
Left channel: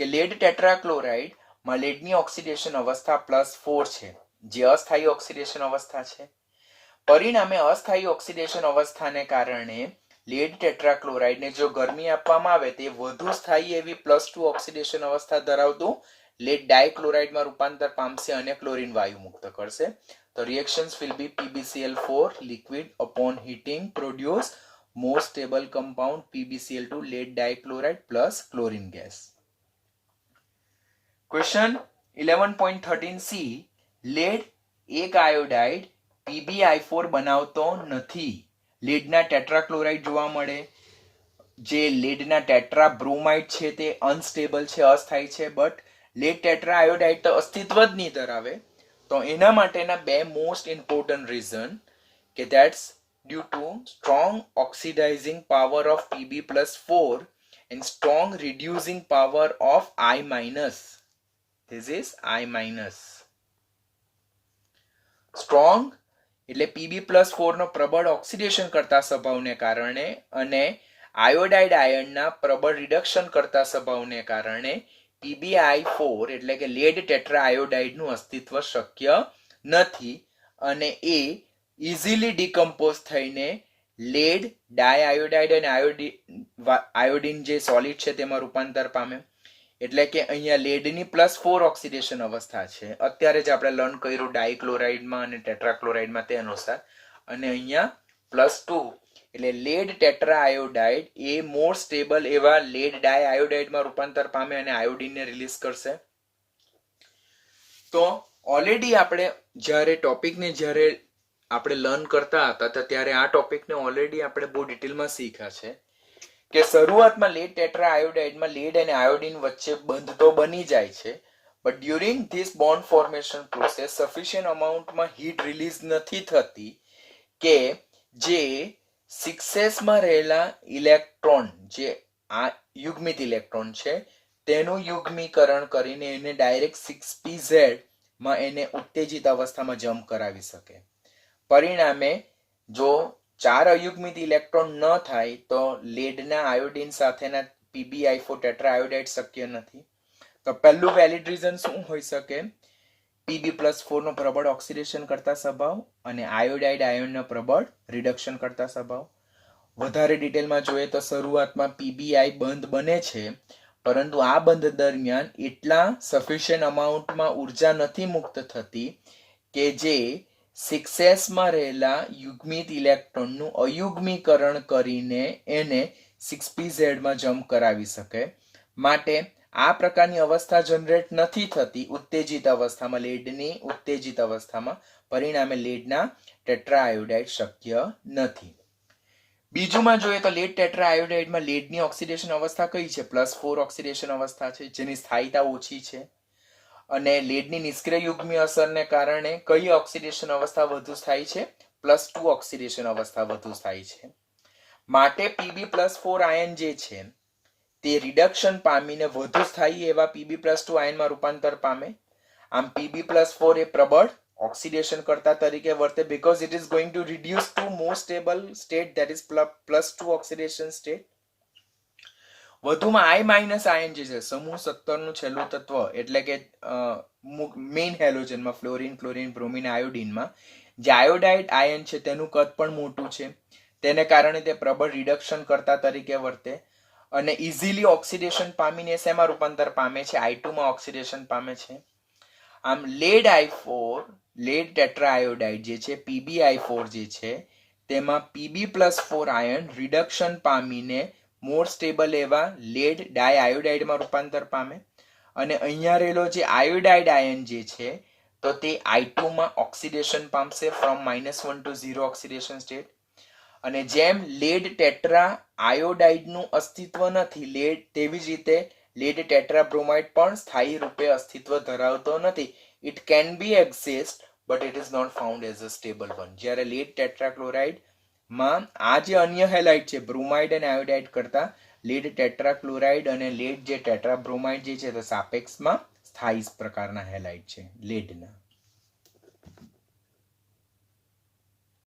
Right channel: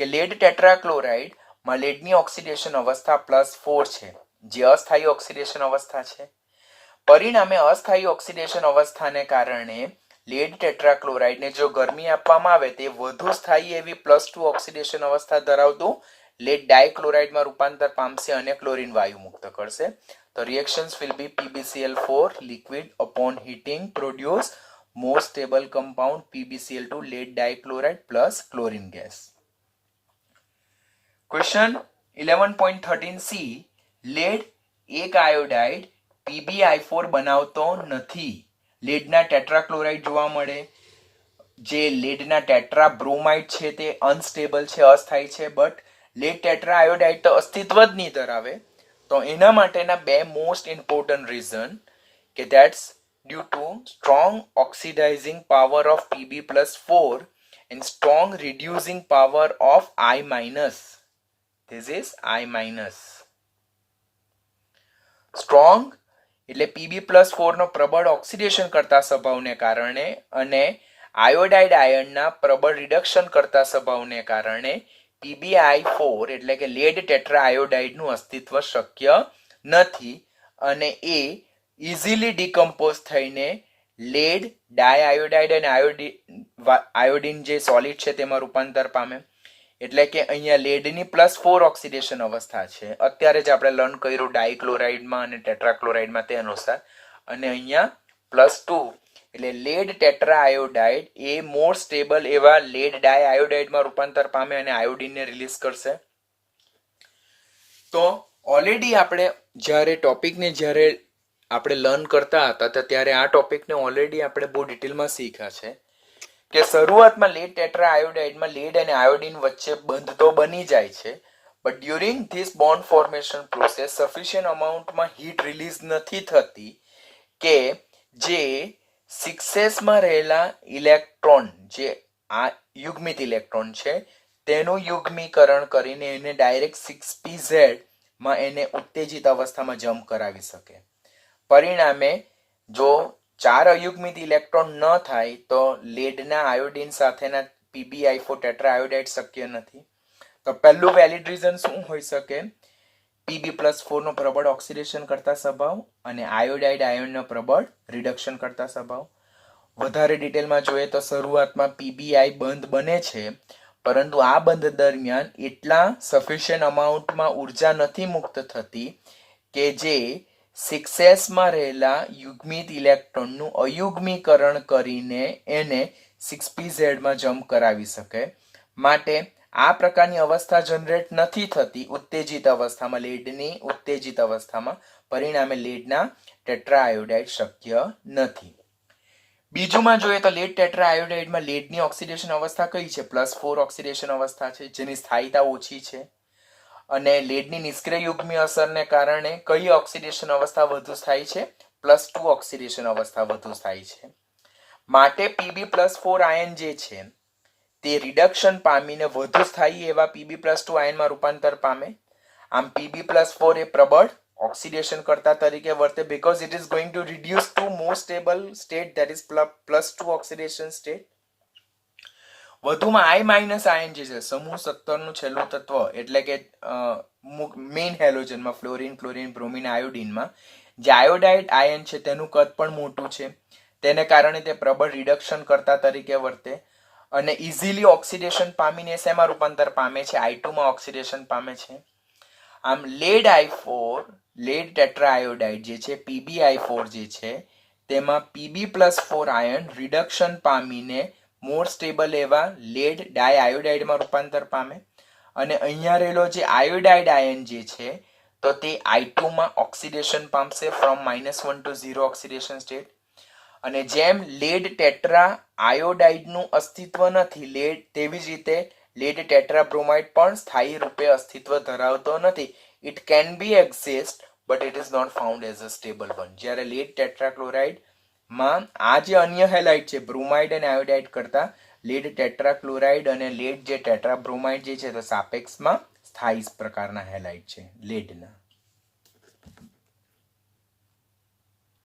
કે લેડ ટેટ્રાક્લોરાઇડ માં લેડની ઓક્સિડેશન અવસ્થા +4 છે જે અસ્થાયી ઓક્સિડેશન અવસ્થા છે. પરિણામે અસ્થાયી ઓક્સિડેશન અવસ્થાને કારણે લેડ ટેટ્રાક્લોરાઇડને જો ગરમી આપવામાં આવે તે વધુ સ્થાયી એવી +2 ઓક્સિડેશન અવસ્થા ધરાવતું લેડ ડાયક્લોરાઇડમાં રૂપાંતર પામશે અને ક્લોરીન વાયુ મુક્ત કરશે. તો reactions will be PbCl4 liquid upon heating produce more stable compound PbCl2 lead dichloride plus chlorine gas. Question 11.13c lead એક આયોડાઇડ PbI4 બનાવતો નથી. લેડના ટેટ્રાક્લોરાઇડ જોવા મળે. જે લેડના ટેટ્રા બ્રોમાઇડ છે તે અનસ્ટેબલ છે, અસ્થાયી છે, બટ લેડ ટેટ્રા આયોડાઇડ તો અસ્તિત્વ જ નહીં ધરાવે. તો એના માટેના બે મોસ્ટ ઇમ્પોર્ટન્ટ રીઝન કે that's due to strong oxidising power of Pb+4 and strong reducing power of I minus. This is I minus. Strong એટલે Pb+4 નો પ્રબળ ઓક્સિડેશન કરતા સ્વભાવને કારણે અને આયોડાઇડ આયનના પ્રબળ રિડક્શન કરતા સ્વભાવને કારણે PbI4 એટલે કે લેડ ટેટ્રા આયોડાઇડનું અસ્તિત્વ શક્ય નથી અને એ ઇઝીલી ડિકમ્પોઝ થઈને લેડ ડાયઆયોડાઇડ અને આયોડિન જે સોલિડ છે તેમાં રૂપાંતર પામે. એટલે કે અહીંયા લેડની +4 ઓક્સિડેશન અવસ્થા છે. અત્યારે જ આપણે લર્ન કર્યું ડાયક્લોરાઇડમાં અને ટેટ્રાક્લોરાઇડમાં તે અનુસાર. અને અહીંયા +2 એટલે લેડ ટેટ્રા આયોડાઇડ એ મોર સ્ટેબલ એવા લેડ ડાયઆયોડાઇડમાં રૂપાંતર પામે અને આયોડિનને રિલીઝ કરશે. તો ઓલરેડી આપણે જ્યારે ટોપિકને જ્યારે આપણે લર્ન કરતા હતા તો ત્યારે આ ટોપિકને ઓલરેડી આપણે બહુ ડિટેલમાં શીખ્યા છે કે શરૂઆતમાં લેડ ટેટ્રા આયોડાઇડમાં લેડ અને આયોડિન વચ્ચે બંધ તો બની જાય છે, but during this bond formation process sufficient અમાઉન્ટમાં હીટ રિલીઝ નથી થતી કે જે 6s માં રહેલા ઇલેક્ટ્રોન જે આ યુગ્મિત ઇલેક્ટ્રોન છે તેનું યુગ્મીકરણ કરીને એને ડાયરેક્ટ 6pz માં એને ઉત્તેજિત અવસ્થામાં જમ્પ કરાવી શકે. પરિણામે જો 4 અયુગ્મિત ઇલેક્ટ્રોન ન થાય તો લેડના આયોડિન સાથેના PbI4 ટેટ્રા આયોડાઇડ શક્ય નથી. તો પહેલું વેલિડ રીઝન શું હોઈ શકે? Pb+4 નો પ્રબળ ઓક્સિડેશન કરતા સ્વભાવ અને આયોડાઇડ આયનનો પ્રબળ રિડક્શન કરતા સ્વભાવ. વધારે ડિટેલમાં જોઈએ તો શરૂઆતમાં PbI બંધ બને છે, પરંતુ આ બંધ દરમિયાન એટલા સફિશિયન્ટ અમાઉન્ટમાં ઉર્જા નથી મુક્ત થતી કે જે 6s માં રહેલા યુગ્મિત ઇલેક્ટ્રોનનું અયુગ્મીકરણ કરીને એને 6pz માં જમ્પ કરાવી શકે. માટે આ પ્રકારની અવસ્થા જનરેટ નથી થતી ઉત્તેજિત અવસ્થામાં, લેડની ઉત્તેજિત અવસ્થામાં. પરિણામે લેડના ટેટ્રા આયોડાઇડ શક્ય નથી. બીજુંમાં જોઈએ તો લેડ ટેટ્રા આયોડાઇડમાં લેડની ઓક્સિડેશન અવસ્થા કઈ છે? +4 ઓક્સિડેશન અવસ્થા છે, જેની સ્થાયીતા ઓછી છે. અને લેડની નિષ્ક્રિય યુગ્મી અસરને કારણે કઈ ઓક્સિડેશન અવસ્થા વધુ સ્થાયી છે? +2 ઓક્સિડેશન અવસ્થા વધુ સ્થાયી છે. માટે Pb+4 આયન જે છે તે રિડક્શન પામીને વધુ સ્થાયી એવા Pb+2 આયનમાં રૂપાંતર પામે. આમ Pb+4 એ પ્રબળ ઓક્સિડેશન કરતા તરીકે વર્તે because it is going to reduce to more stable state, that is +2 oxidation state. વધુમાં I- આયન જે છે સમૂહ 17 નું છેલ્લું તત્વ એટલે કે મેઇન હેલોજનમાં ફ્લોરિન, ક્લોરિન, બ્રોમિન, આયોડિનમાં જે આયોડાઇડ આયન છે તેનું કદ પણ મોટું છે. તેને કારણે તે પ્રબળ રિડક્શન કરતા તરીકે વર્તે અને ઇઝીલી ઓક્સિડેશન પામીને શેમાં રૂપાંતર પામે છે? I2 માં ઓક્સિડેશન પામે છે. આમ lead I4 lead tetra iodide જે છે PbI4 જે છે તેમાં Pb+4 આયન રિડક્શન પામીને મોર સ્ટેબલ એવા લેડ ડાયઆયોડાઇડમાં રૂપાંતર પામે અને અહીંયા રહેલો જે આયોડાઇડ આયન જે છે તો તે I2 માં ઓક્સિડેશન પામશે ફ્રોમ -1 to 0 ઓક્સિડેશન સ્ટેટ. અને જેમ લેડ ટેટ્રા આયોડાઇડનું અસ્તિત્વ નથી લેડ, તેવી જ રીતે લેડ ટેટ્રા બ્રોમાઇડ પણ સ્થાયી રૂપે અસ્તિત્વ ધરાવતો નથી. It can be exist but it is not found as a stable one. જ્યારે લેડ ટેટ્રાક્લોરાઇડ માં આ જે અન્ય હેલાઇડ છે બ્રોમાઇડ અને આયોડાઇડ કરતા લેડ ટેટ્રાક્લોરાઇડ અને લેડ જે ટેટ્રા બ્રોમાઇડ જે છે તે સાપેક્ષમાં સ્થાયી પ્રકારના હેલાઇડ છે લેડના.